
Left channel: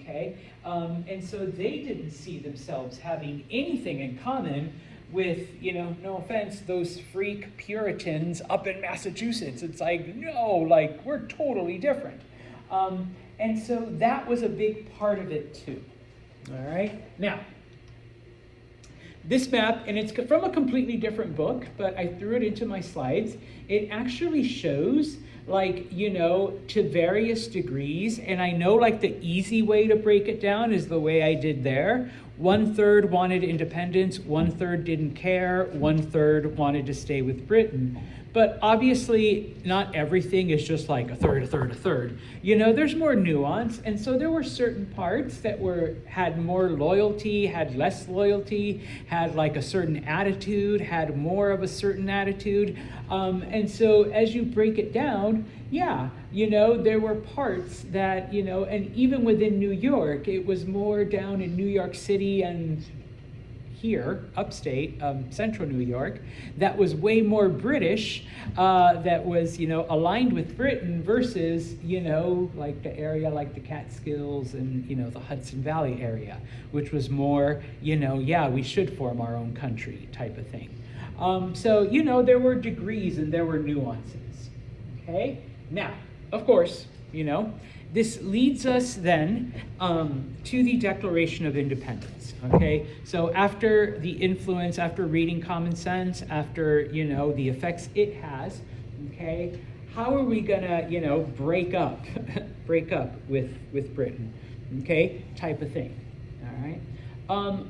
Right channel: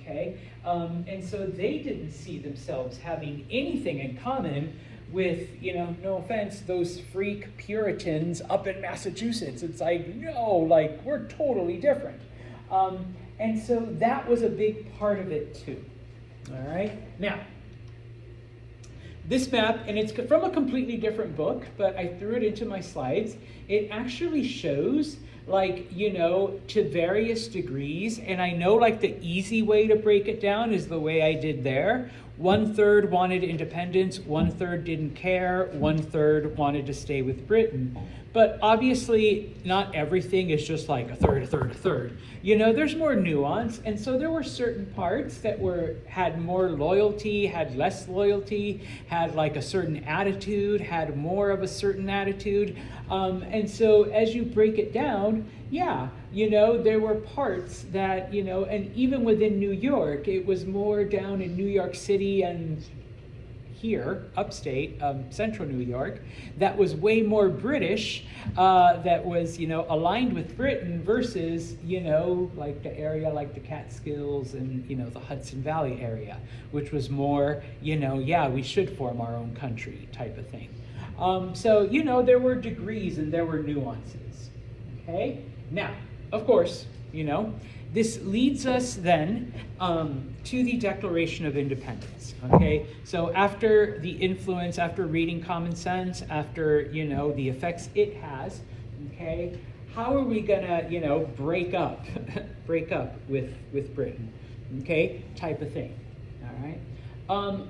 okay? And so they didn't see themselves having anything in common with, no offense, those freak Puritans up in Massachusetts. It's like, no, like, we're totally different. And so that was a big part of it too, all right? Now, This map, and it's from a completely different book, but I threw it into my slides. It actually shows, like, you know, to various degrees, and I know like the easy way to break it down is the way I did there. 1/3 wanted independence, 1/3 didn't care, 1/3 wanted to stay with Britain. But obviously not everything is just like a third, a third, a third. You know, there's more nuance, and so there were certain parts that had more loyalty, had less loyalty, had like a certain attitude, had more of a certain attitude. And so as you break it down, yeah, you know, there were parts that, you know, and even within New York, it was more down in New York City and here, upstate, central New York, that was way more British, that was, you know, aligned with Britain versus, you know, like the area like the Catskills and, you know, the Hudson Valley area, which was more, you know, yeah, we should form our own country type of thing. So, you know, there were degrees and there were nuances, okay? Now, of course, you know, this leads us then to the Declaration of Independence, okay? So after the influence, after reading Common Sense, after, you know, the effects it has, okay, how are we gonna, you know, break up with Britain, okay, type of thing, all right?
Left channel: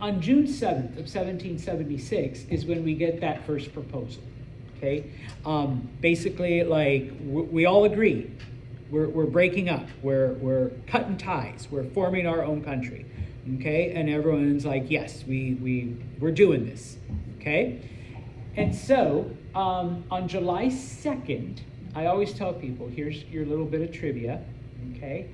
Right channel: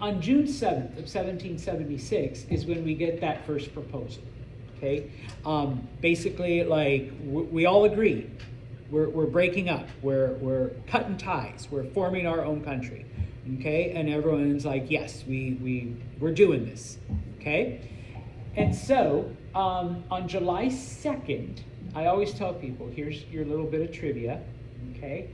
On June 7th of 1776 is when we get that first proposal, okay? Basically, like, we all agree. We're breaking up, we're cutting ties, we're forming our own country, okay? And everyone's like, yes, we're doing this, okay? And so, on July 2nd, I always tell people, here's your little bit of trivia, okay?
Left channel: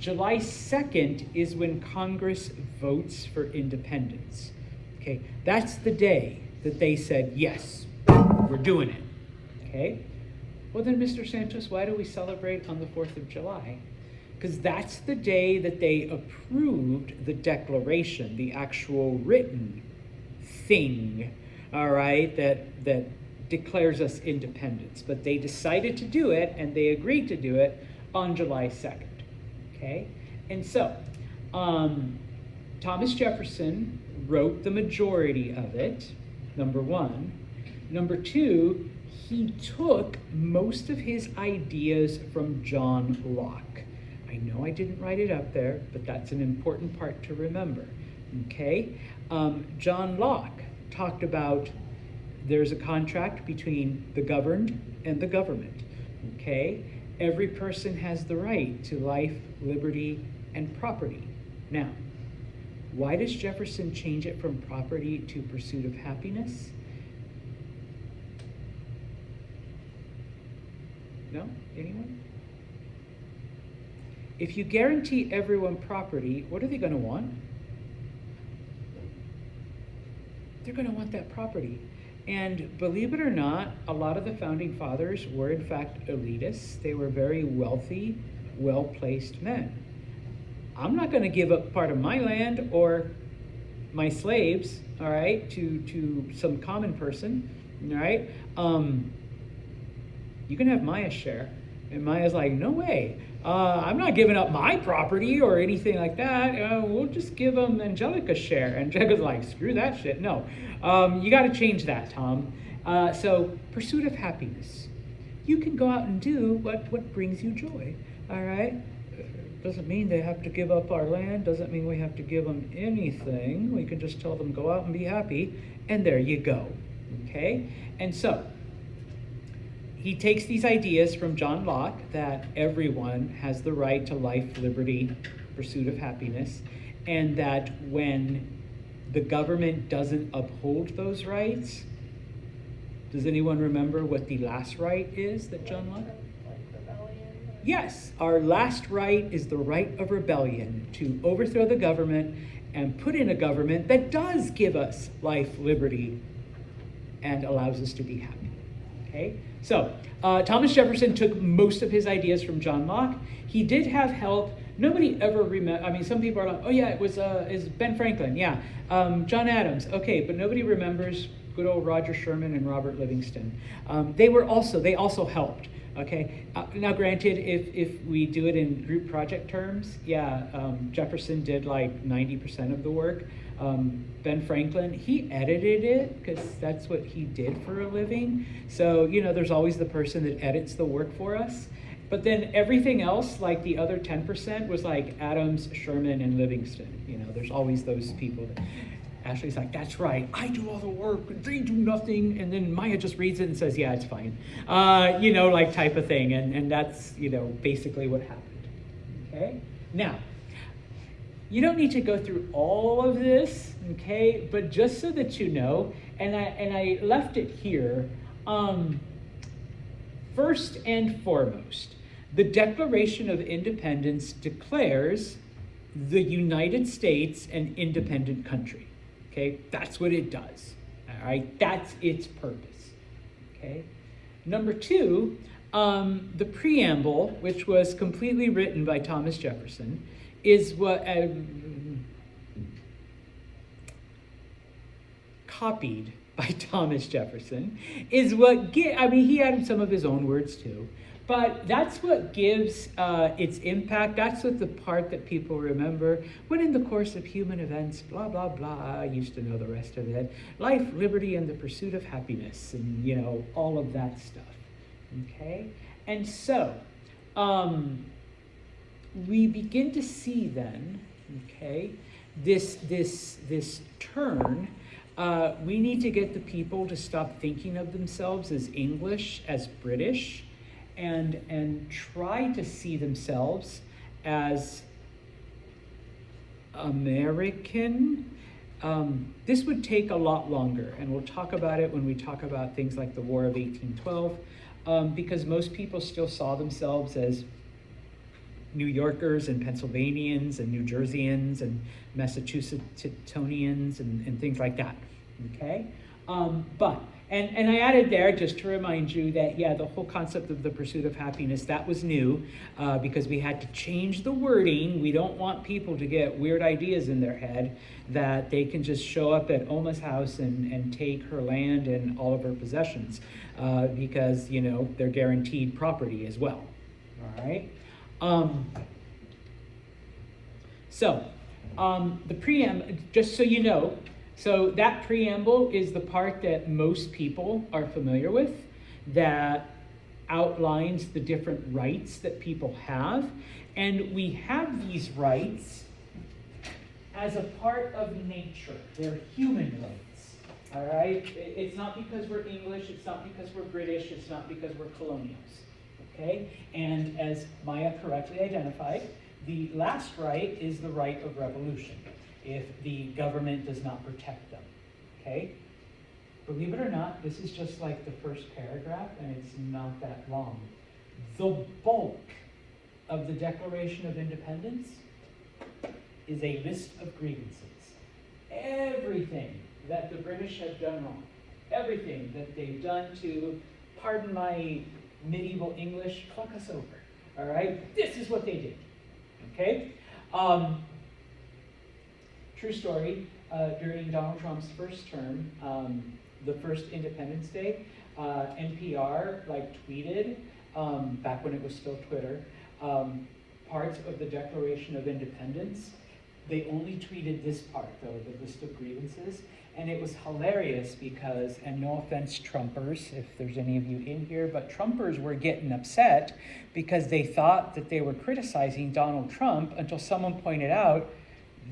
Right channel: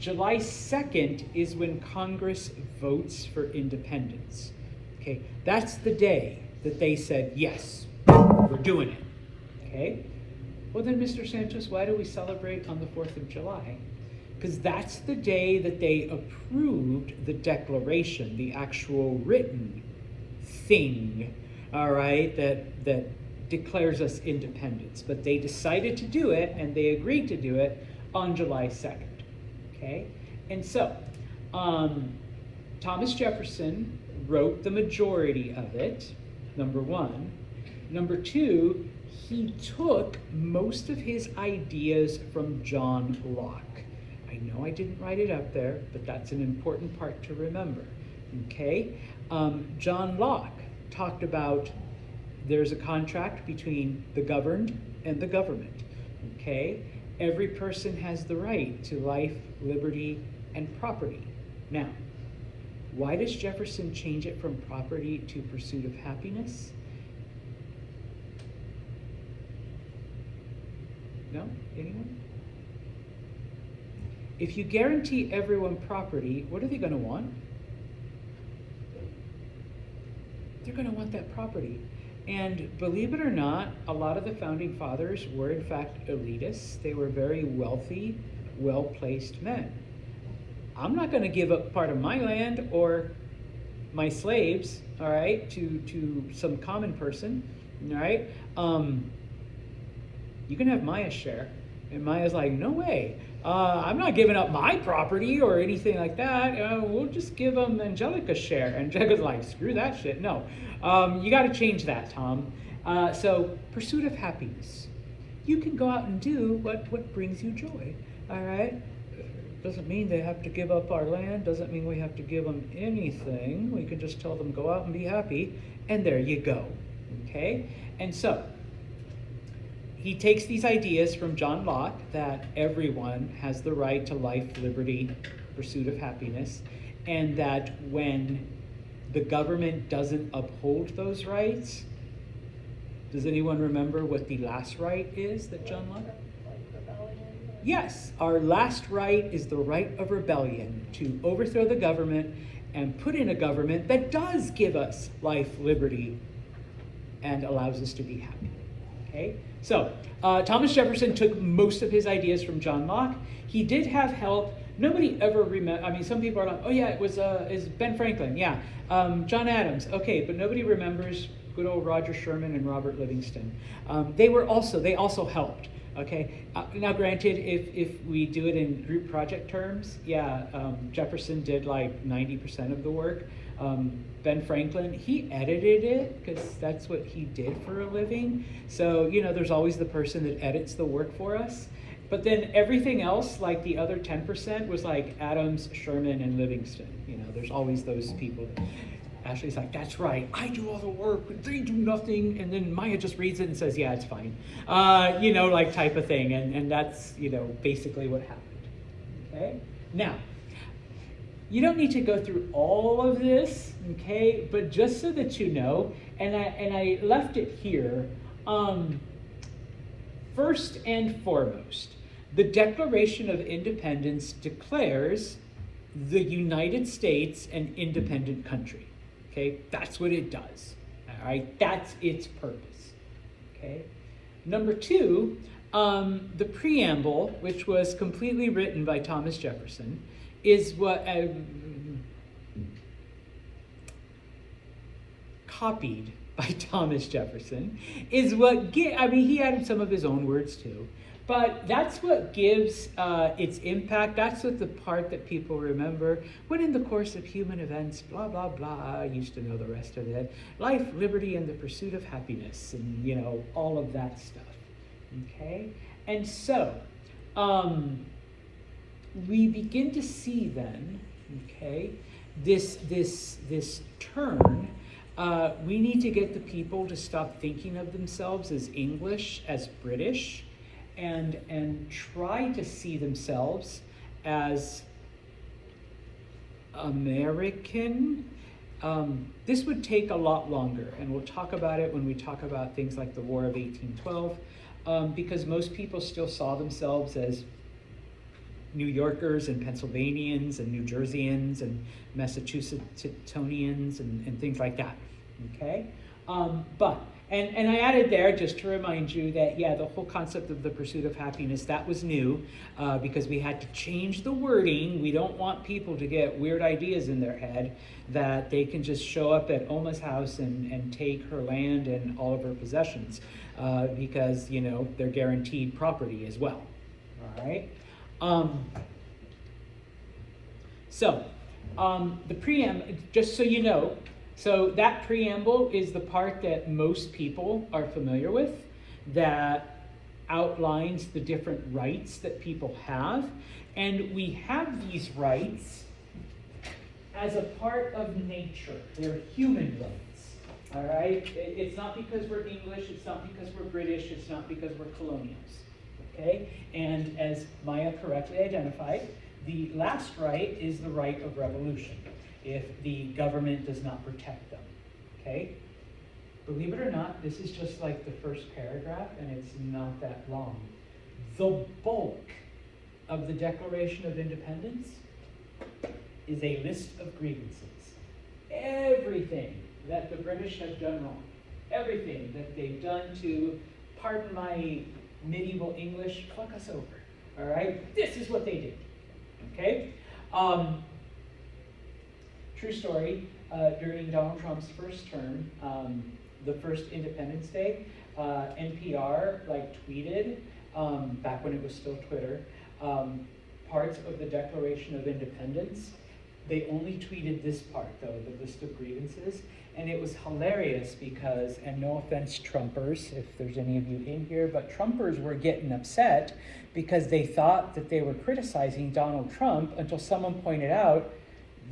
July 2nd is when Congress votes for independence, okay? That's the day that they said, yes, we're doing it, okay? Well then, Mr. Santos, why do we celebrate on the 4th of July? Because that's the day that they approved the Declaration, the actual written thing, all right, that declares us independence. But they decided to do it, and they agreed to do it on July 2nd, okay? And so, Thomas Jefferson wrote the majority of it, number one. Number two, he took most of his ideas from John Locke. I know I didn't write it up there, but that's an important part to remember, okay? John Locke talked about there's a contract between the governed and the government, okay? Every person has the right to life, liberty, and property. Now, why does Jefferson change it from property to pursuit of happiness? No? Anyone? If you guarantee everyone property, what are they going to want? They're going to want that property. And believe it or not, a lot of the founding fathers were in fact elitists. They were very wealthy, well-placed men. I'm not going to give up part of my land or my slaves, all right, to some common person, all right? You can have Maya's share. And Maya's like, no way. I'm not giving up my property or anything like that. We'll just give them Angelica's share. Angelica's like, screw that shit. No. You got to change that, Tom. So, pursuit of happiness. You can go out and do what brings you joy. All right? Doesn't mean they have to give up our land. Doesn't mean we have to give them anything. We can just tell them, go out and be happy. And there you go. Okay? And so, he takes these ideas from John Locke that everyone has the right to life, liberty, pursuit of happiness, and that when the government doesn't uphold those rights, does anyone remember what the last right is that John Locke? Yes, our last right is the right of rebellion, to overthrow the government and put in a government that does give us life, liberty, and allows us to be happy. Okay? So, Thomas Jefferson took most of his ideas from John Locke. He did have help. Nobody ever remember. I mean, some people are like, oh yeah, it's Ben Franklin, yeah. John Adams, okay, but nobody remembers good old Roger Sherman and Robert Livingston. They also helped. Okay. Now, granted, if we do it in group project terms, yeah, Jefferson did like 90% of the work, Ben Franklin, he edited it because that's what he did for a living. So, you know, there's always the person that edits the work for us. But then everything else, like the other 10%, was like Adams, Sherman, and Livingston. You know, there's always those people. Ashley's like, that's right, I do all the work, but they do nothing. And then Maya just reads it and says, yeah, it's fine. You know, like type of thing. And that's, you know, basically what happened. Okay? Now, you don't need to go through all of this, okay? But just so that you know, and I left it here, first and foremost, the Declaration of Independence declares the United States an independent country. Okay, that's what it does. All right, that's its purpose. Okay, number two, the preamble, which was completely written by Thomas Jefferson, is what copied by Thomas Jefferson, is what I mean, he added some of his own words too. But that's what gives its impact. That's what the part that people remember. When in the course of human events, blah, blah, blah, I used to know the rest of it. Life, liberty, and the pursuit of happiness, and, you know, all of that stuff. Okay? And so, we begin to see then, okay, this turn. We need to get the people to stop thinking of themselves as English, as British, and try to see themselves as American. This would take a lot longer, and we'll talk about it when we talk about things like the War of 1812, because most people still saw themselves as New Yorkers and Pennsylvanians and New Jerseyans and Massachusettsians and things like that, okay? And I added there just to remind you that, yeah, the whole concept of the pursuit of happiness, that was new because we had to change the wording. We don't want people to get weird ideas in their head that they can just show up at Oma's house and take her land and all of her possessions because, you know, they're guaranteed property as well, all right? The preamble, just so you know, so that preamble is the part that most people are familiar with, that outlines the different rights that people have. And we have these rights as a part of nature. They're human rights, all right? It's not because we're English, it's not because we're British, it's not because we're colonials, okay? And as Maya correctly identified, the last right is the right of revolution, if the government does not protect them, okay? Believe it or not, this is just like the first paragraph, and it's not that long. The bulk of the Declaration of Independence is a list of grievances. Everything that the British have done wrong, everything that they've done to, pardon my medieval English, fuck us over, all right? This is what they did, okay? True story, during Donald Trump's first term, the first Independence Day, NPR tweeted, back when it was still Twitter, parts of the Declaration of Independence. They only tweeted this part though, the list of grievances, and it was hilarious because, and no offense Trumpers, if there's any of you in here, but Trumpers were getting upset because they thought that they were criticizing Donald Trump until someone pointed out,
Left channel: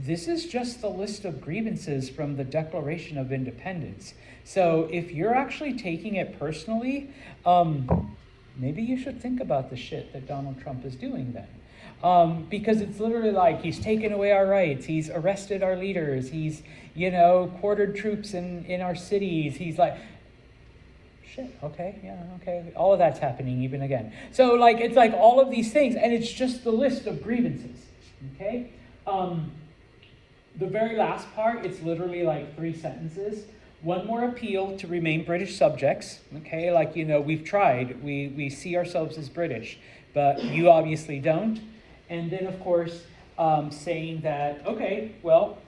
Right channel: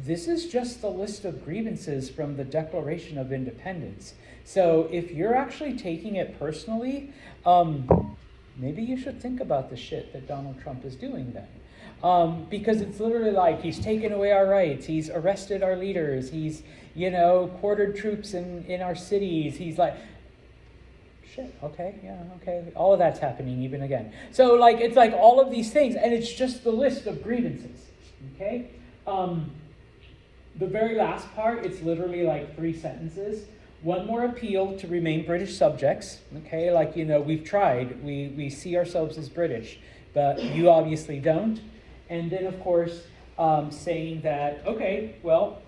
this is just the list of grievances from the Declaration of Independence. So if you're actually taking it personally, maybe you should think about the shit that Donald Trump is doing then. Because it's literally like, he's taken away our rights, he's arrested our leaders, he's, you know, quartered troops in our cities, he's like, shit, okay, yeah, okay, all of that's happening even again. So it's like all of these things, and it's just the list of grievances, okay? The very last part, it's literally 3 sentences. One more appeal to remain British subjects, okay? We've tried, we see ourselves as British, but you obviously don't. And then, of course, saying that, okay, well,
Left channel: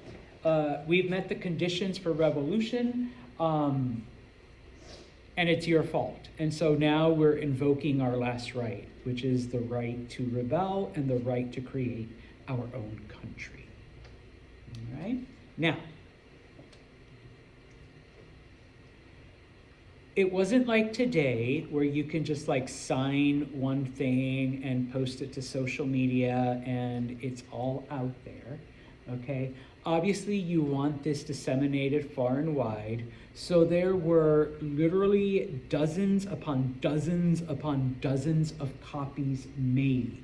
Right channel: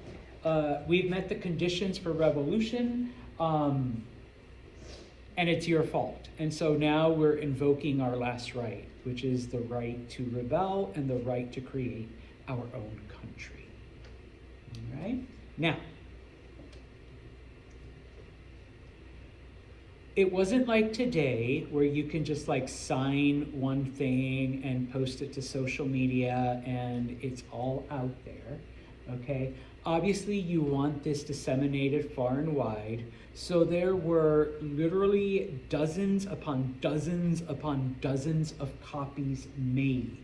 we've met the conditions for revolution, and it's your fault. And so now we're invoking our last right, which is the right to rebel and the right to create our own country. All right? Now, it wasn't like today where you can just like sign one thing and post it to social media and it's all out there, okay? Obviously you want this disseminated far and wide, so there were literally dozens upon dozens upon dozens of copies made,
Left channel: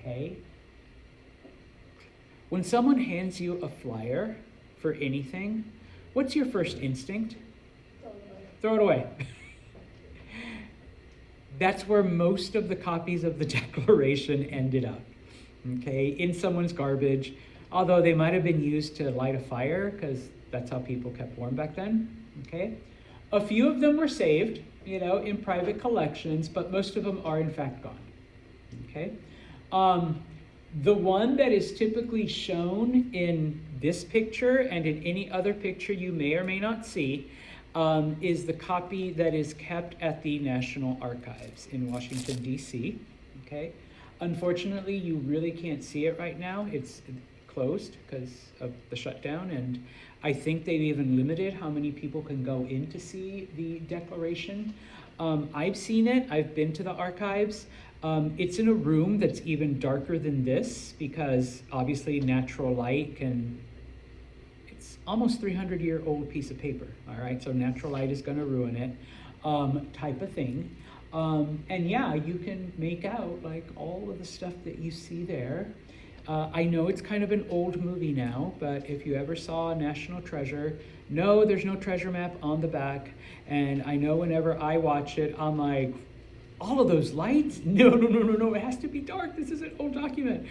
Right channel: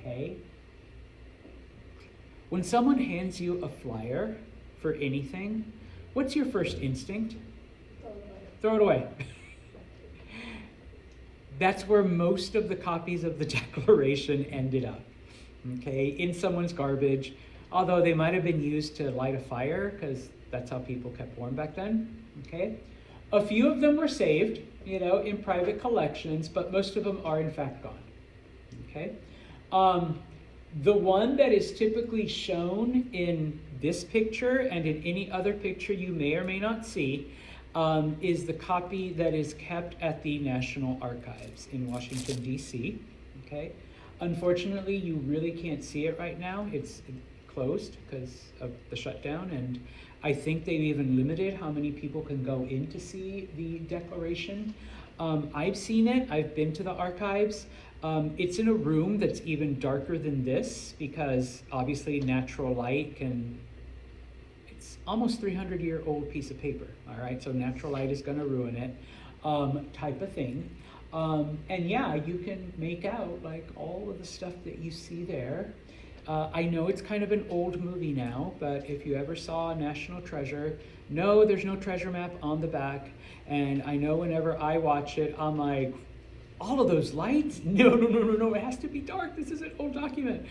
okay? When someone hands you a flyer for anything, what's your first instinct? Throw it away. That's where most of the copies of the Declaration ended up, okay, in someone's garbage, although they might have been used to light a fire, because that's how people kept warm back then, okay? A few of them were saved, you know, in private collections, but most of them are in fact gone, okay? The one that is typically shown in this picture and in any other picture you may or may not see is the copy that is kept at the National Archives in Washington, D.C., okay? Unfortunately, you really can't see it right now. It's closed because of the shutdown, and I think they've even limited how many people can go in to see the Declaration. I've seen it. I've been to the archives. It's in a room that's even darker than this because obviously natural light can, it's almost 300-year-old piece of paper, all right? So natural light is gonna ruin it, type of thing. And yeah, you can make out like all of the stuff that you see there. I know it's kind of an old movie now, but if you ever saw National Treasure, no, there's no treasure map on the back. And I know whenever I watch it, I'm like, all of those lights? No, it has to be dark. This is an old document.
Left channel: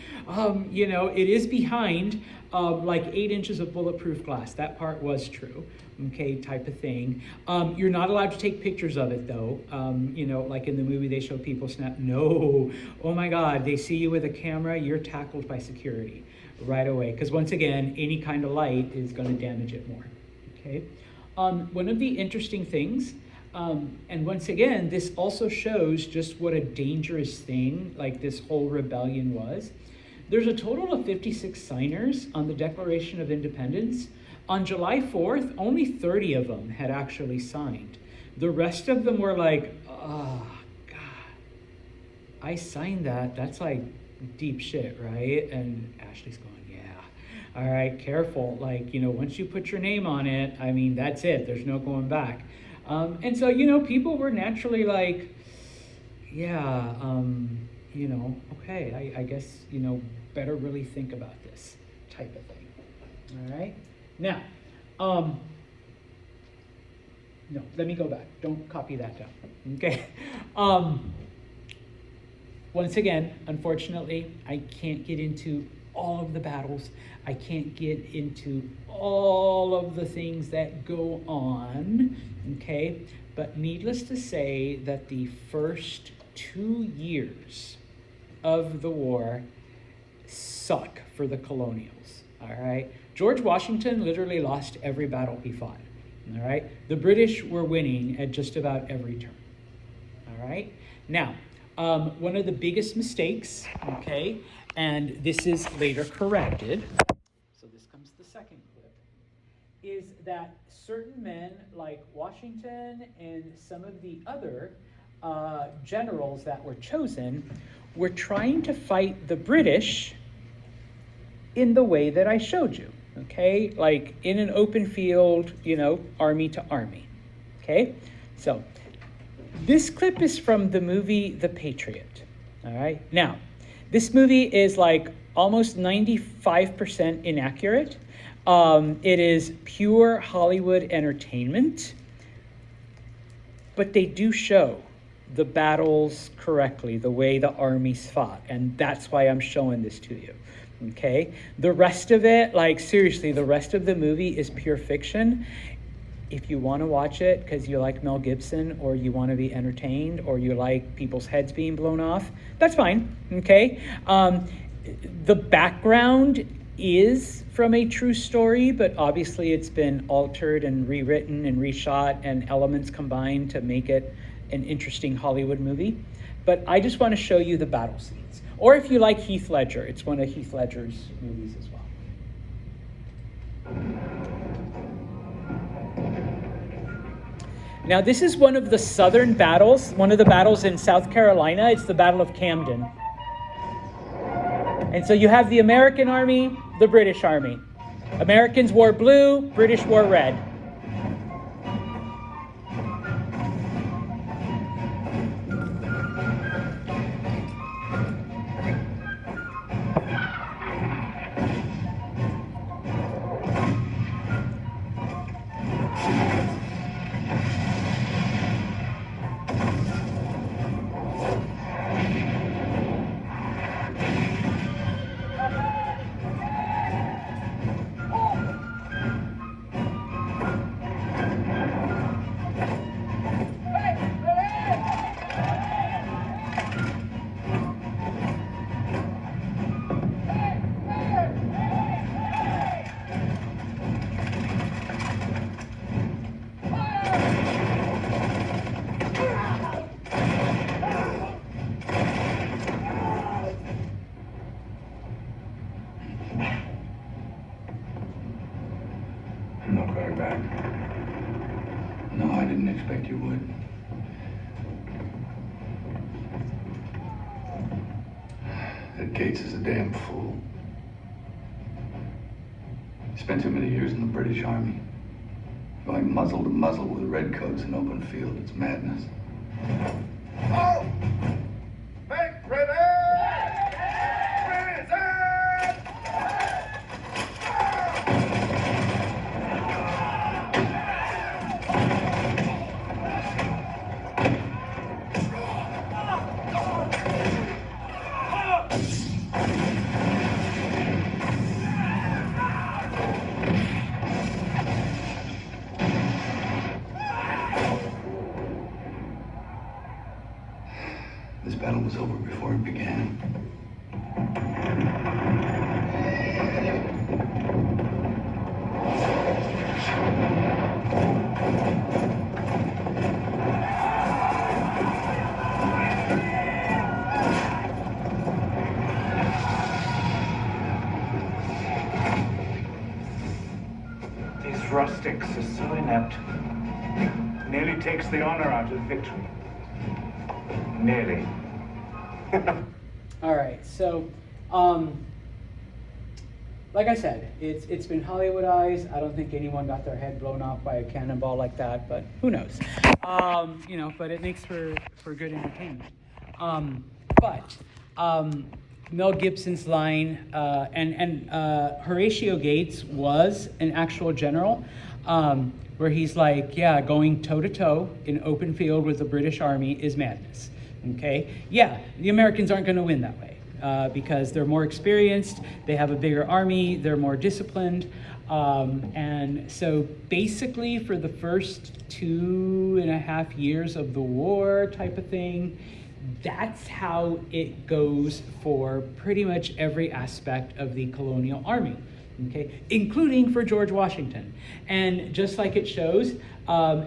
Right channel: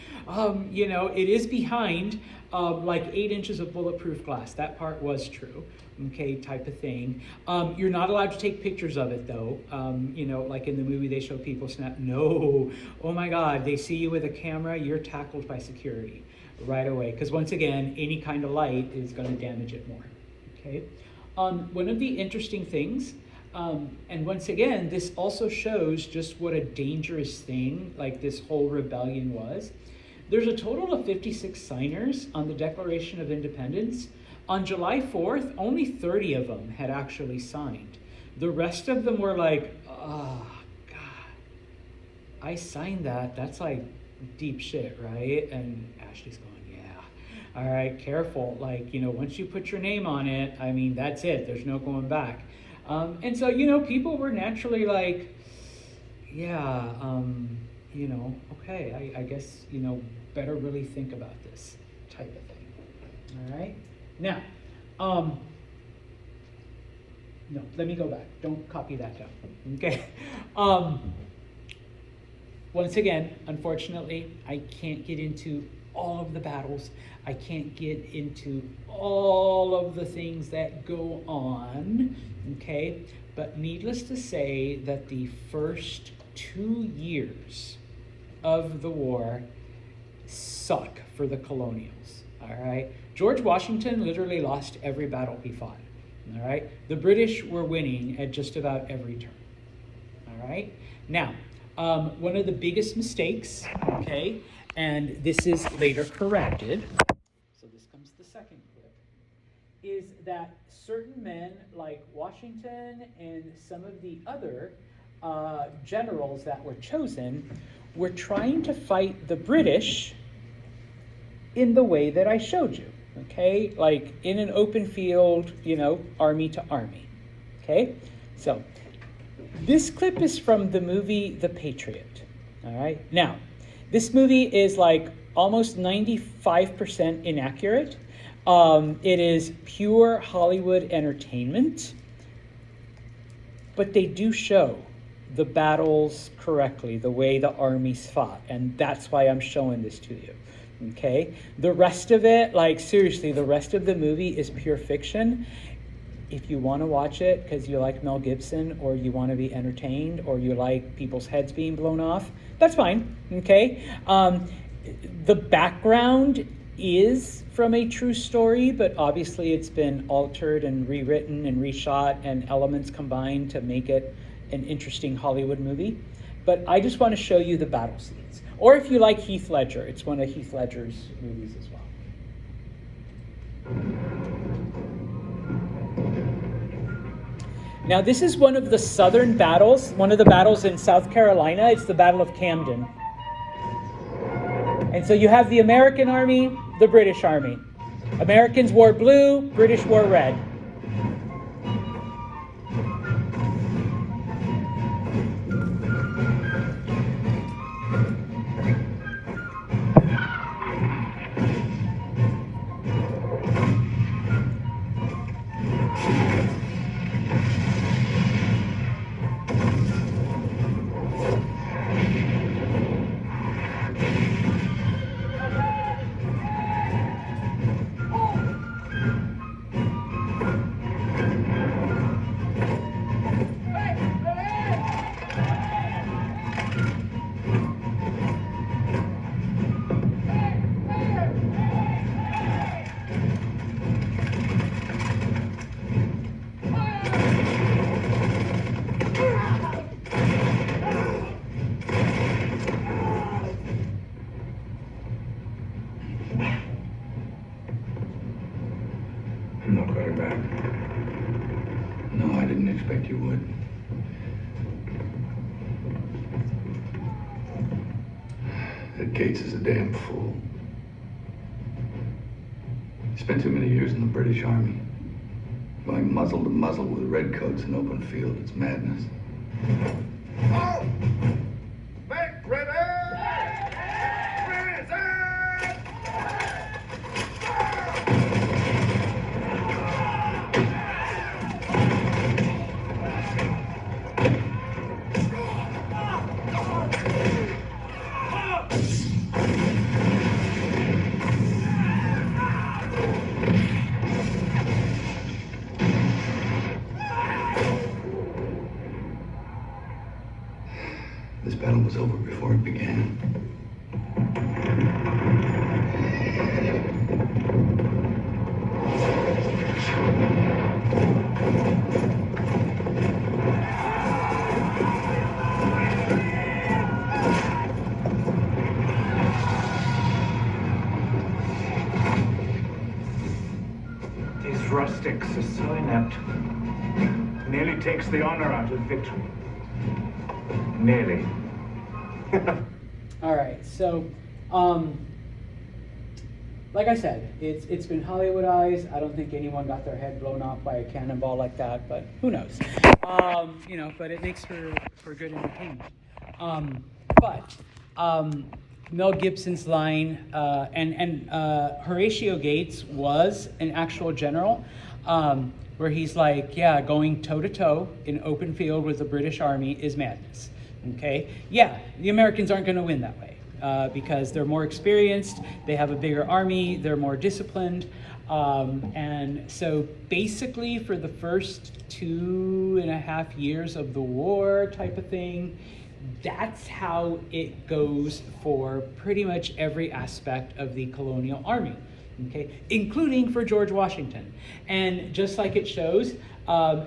You know, it is behind like 8 inches of bulletproof glass. That part was true, okay, type of thing. You're not allowed to take pictures of it though. You know, like in the movie they show people snap. No, oh my God, they see you with a camera, you're tackled by security right away. Because once again, any kind of light is gonna damage it more, okay? One of the interesting things, and once again, this also shows just what a dangerous thing like this whole rebellion was. There's a total of 56 signers on the Declaration of Independence. On July 4th, only 30 of them had actually signed. The rest of them were like, oh, God, I signed that. That's like deep shit, right? And Ashley's going, yeah. All right, careful. Like, you know, once you put your name on it, I mean, that's it. There's no going back. And so, you know, people were naturally like, yeah, you know, okay, I guess, you know, better really think about this type of thing. All right? Now, no, let me go back. Don't copy that down, okay? Once again, unfortunately, I can't get into all of the battles. I can't get into all of the things that go on, okay? But needless to say that the first 2 years of the war suck for the colonials, all right? George Washington literally lost every battle he fought, all right? The British were winning at just about every turn, all right? Now, one of the biggest mistakes, okay, and this is later corrected, so this comes the second clip, is that certain men like Washington and some of the other generals that were chosen were trying to fight the British in the way that I showed you, okay? Like in an open field, you know, army to army, okay? So this clip is from the movie The Patriot, all right? Now, this movie is like almost 95% inaccurate. It is pure Hollywood entertainment, but they do show the battles correctly, the way the armies fought, and that's why I'm showing this to you, okay? The rest of it, like seriously, the rest of the movie is pure fiction. If you want to watch it because you like Mel Gibson, or you want to be entertained, or you like people's heads being blown off, that's fine, okay? The background is from a true story, but obviously it's been altered and rewritten and reshot and elements combined to make it an interesting Hollywood movie. But I just want to show you the battle scenes. Or if you like Heath Ledger, it's one of Heath Ledger's movies as well. Now, this is one of the southern battles, one of the battles in South Carolina. It's the Battle of Camden. And so you have the American Army, the British Army. Americans wore blue, British wore red. I'm not coming back. No, I didn't expect you would. That Gates is a damn fool. He spent too many years in the British Army. Going muzzle to muzzle with redcoats in open field, it's madness. Oh! Back, ready! This battle was over before it began. These rustics are so inept. Nearly takes the honor out of victory. Nearly. All right, so, like I said, it's been Hollywoodized. I don't think anyone got their head blown off by a cannonball like that, but who knows? You know, but it makes for good entertainment. Mel Gibson's line, and Horatio Gates was an actual general, where he's like, yeah, going toe-to-toe in open field with the British Army is madness. Okay, yeah, the Americans aren't going to win that way because they're more experienced, they have a bigger army, they're more disciplined, and so basically for the first 2.5 years of the war type of thing, that's how it goes for pretty much every aspect of the colonial army, okay, including for George Washington. And just like it shows,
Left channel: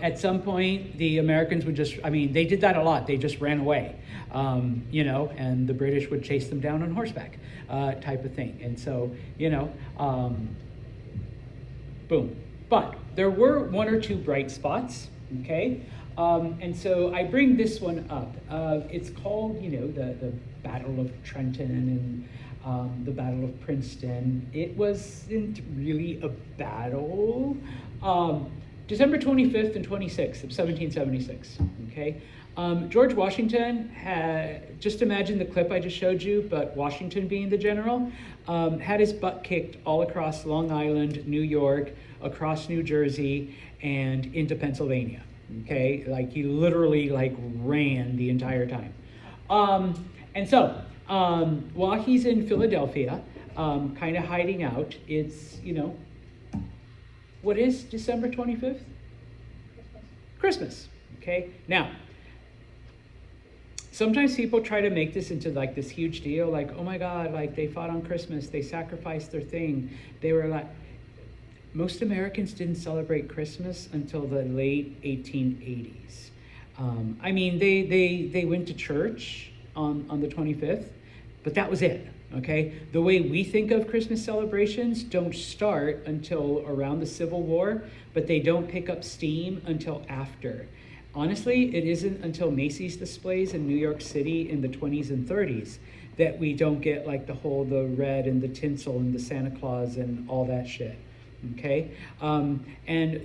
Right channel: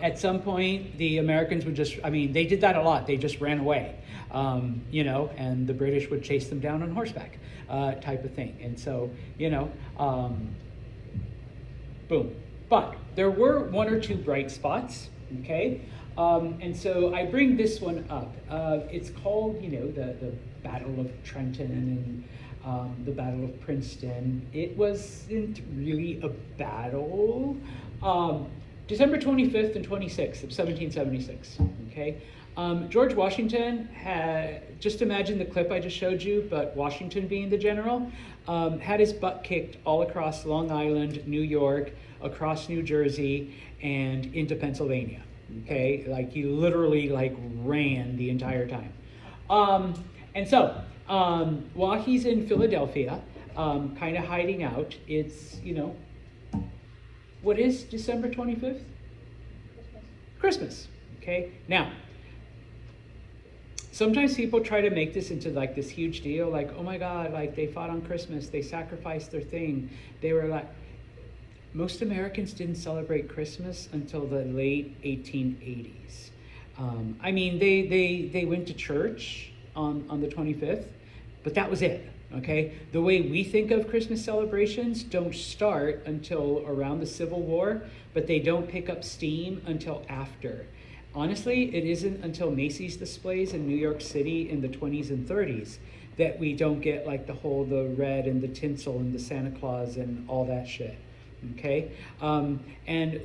at some point, the Americans would just, I mean, they did that a lot. They just ran away, you know, and the British would chase them down on horseback, type of thing. And so, you know, boom. But there were one or two bright spots, okay? And so I bring this one up. It's called, you know, the Battle of Trenton and the Battle of Princeton. It wasn't really a battle. December 25th and 26th of 1776, okay? George Washington had, just imagine the clip I just showed you, but Washington being the general, had his butt kicked all across Long Island, New York, across New Jersey, and into Pennsylvania, okay? Like, he literally, like, ran the entire time. And so, while he's in Philadelphia, kind of hiding out, it's, you know, what is December 25th? Christmas, okay? Now, sometimes people try to make this into like this huge deal, like, oh my God, like they fought on Christmas, they sacrificed their thing. They were like, most Americans didn't celebrate Christmas until the late 1880s. I mean, they went to church on the 25th, but that was it. Okay, the way we think of Christmas celebrations don't start until around the Civil War, but they don't pick up steam until after. honestly, it isn't until Macy's displays in New York City in the 20s and 30s that we don't get like the red and the tinsel and the Santa Claus and all that shit. Okay? And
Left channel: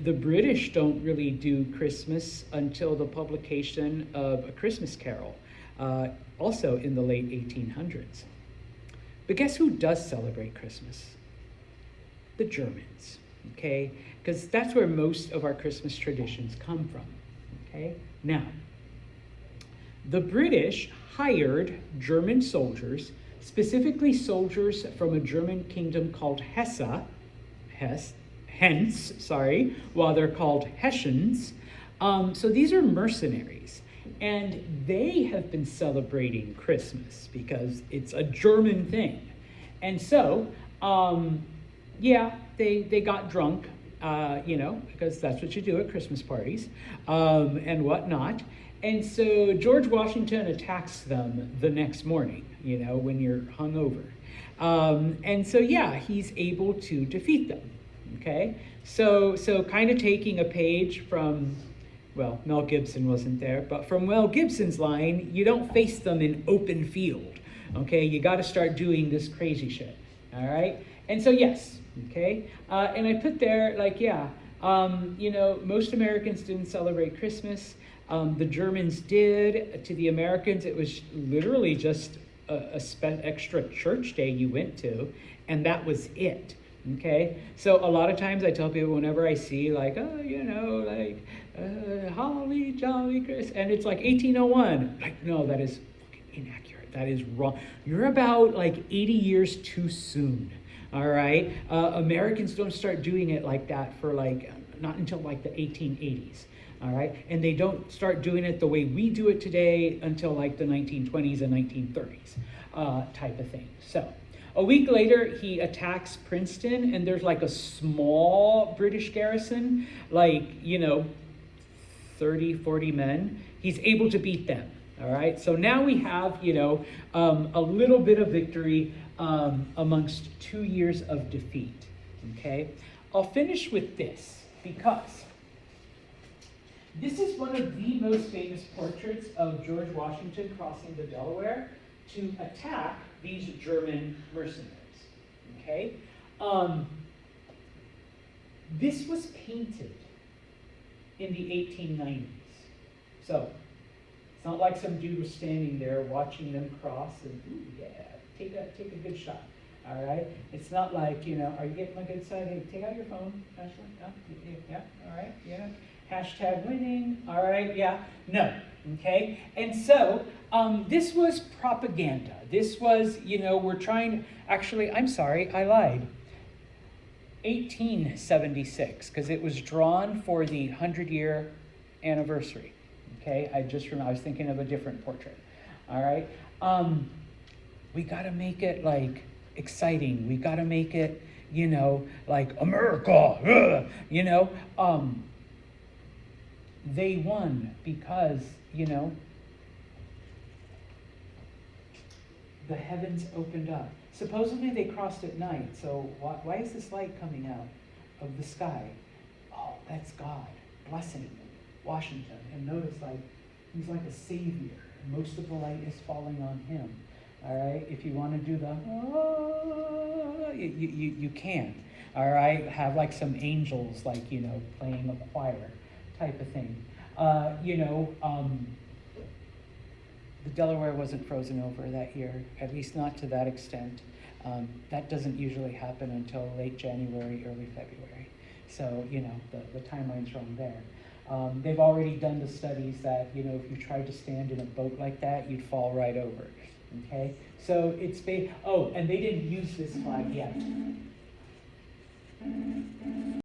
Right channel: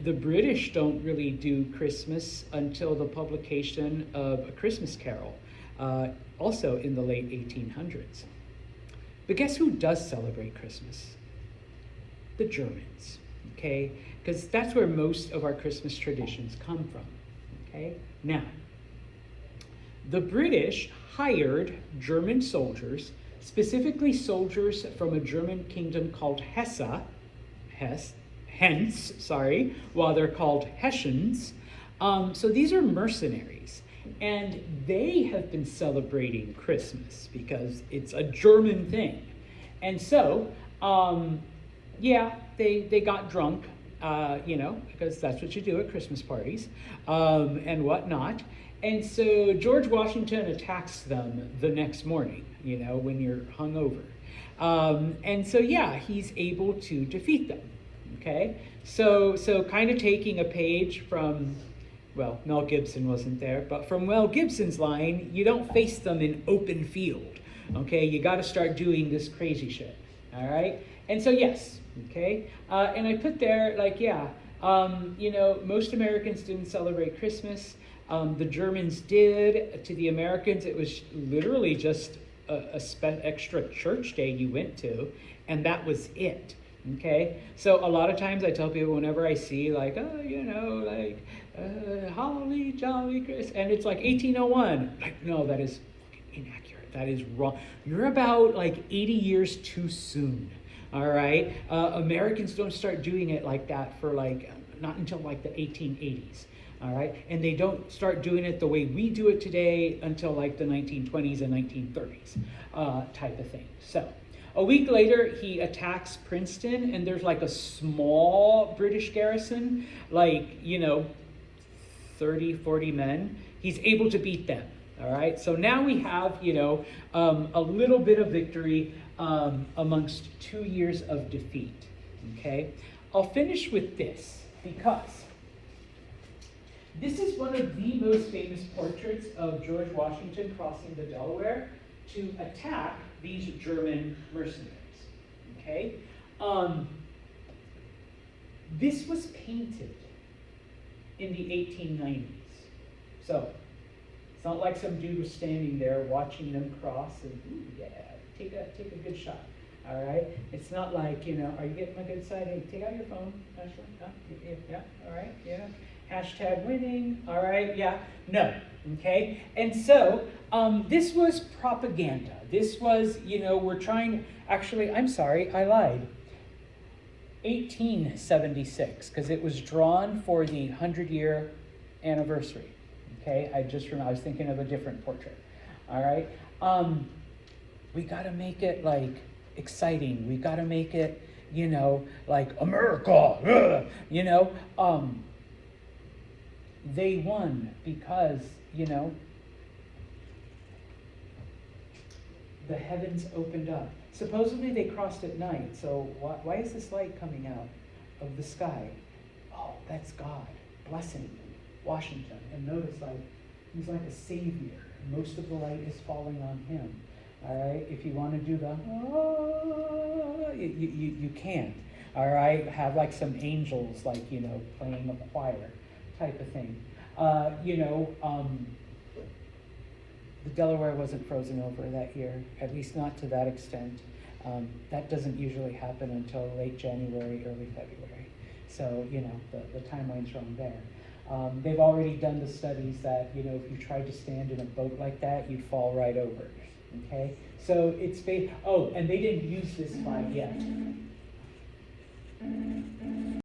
the British don't really do Christmas until the publication of A Christmas Carol, also in the late 1800s. But guess who does celebrate Christmas? The Germans, okay? Because that's where most of our Christmas traditions come from, okay? Now, the British hired German soldiers, specifically soldiers from a German kingdom called while they're called Hessians. So these are mercenaries, and they have been celebrating Christmas because it's a German thing. And so, yeah, they got drunk, because that's what you do at Christmas parties, and whatnot. And so George Washington attacks them the next morning, when you're hungover. And so, yeah, he's able to defeat them, okay? So kind of taking a page from, well, Mel Gibson wasn't there, but from Mel Gibson's line, you don't face them in open field, okay? You got to start doing this crazy shit, all right? And so, yes, okay? And I put there, like, yeah, most Americans didn't celebrate Christmas. The Germans did. To the Americans, it was literally just a extra church day you went to, and that was it, okay? So a lot of times I tell people whenever I see, like, holly jolly Christmas, and it's like 1801. Like, no, that is inaccurate. That is wrong. You're about, like, 80 years too soon, all right? Americans don't start doing it like that for, like, not until, like, the 1880s. All right, and they don't start doing it the way we do it today until like the 1920s and 1930s type of thing. So a week later, he attacks Princeton, and there's like a small British garrison, like, 30, 40 men. He's able to beat them. All right, so now we have, a little bit of victory amongst 2 years of defeat. Okay, I'll finish with this because this is one of the most famous portraits of George Washington crossing the Delaware to attack these German mercenaries, okay? This was painted in the 1890s. So, it's not like some dude was standing there watching them cross and, ooh, yeah, take a good shot, all right? It's not like, are you getting my good side? Hey, take out your phone, Ashley. Yeah, all right, yeah. Hashtag winning, all right, yeah, no, okay? And so, this was propaganda. This was, we're trying, actually, I'm sorry, I lied. 1876, because it was drawn for the 100-year anniversary, okay? I was thinking of a different portrait, all right? We gotta make it, like, exciting. We gotta make it, like, America, they won because, the heavens opened up. Supposedly they crossed at night, so why is this light coming out of the sky? Oh, that's God blessing Washington. And notice, like, he's like a savior. Most of the light is falling on him. All right, if you want to do the, you can. All right, have like some angels, like, playing a choir type of thing. The Delaware wasn't frozen over that year, at least not to that extent. That doesn't usually happen until late January, early February. So, the timeline's wrong there. They've already done the studies that, if you tried to stand in a boat like that, you'd fall right over, okay? So it's, and they didn't use this flag yet.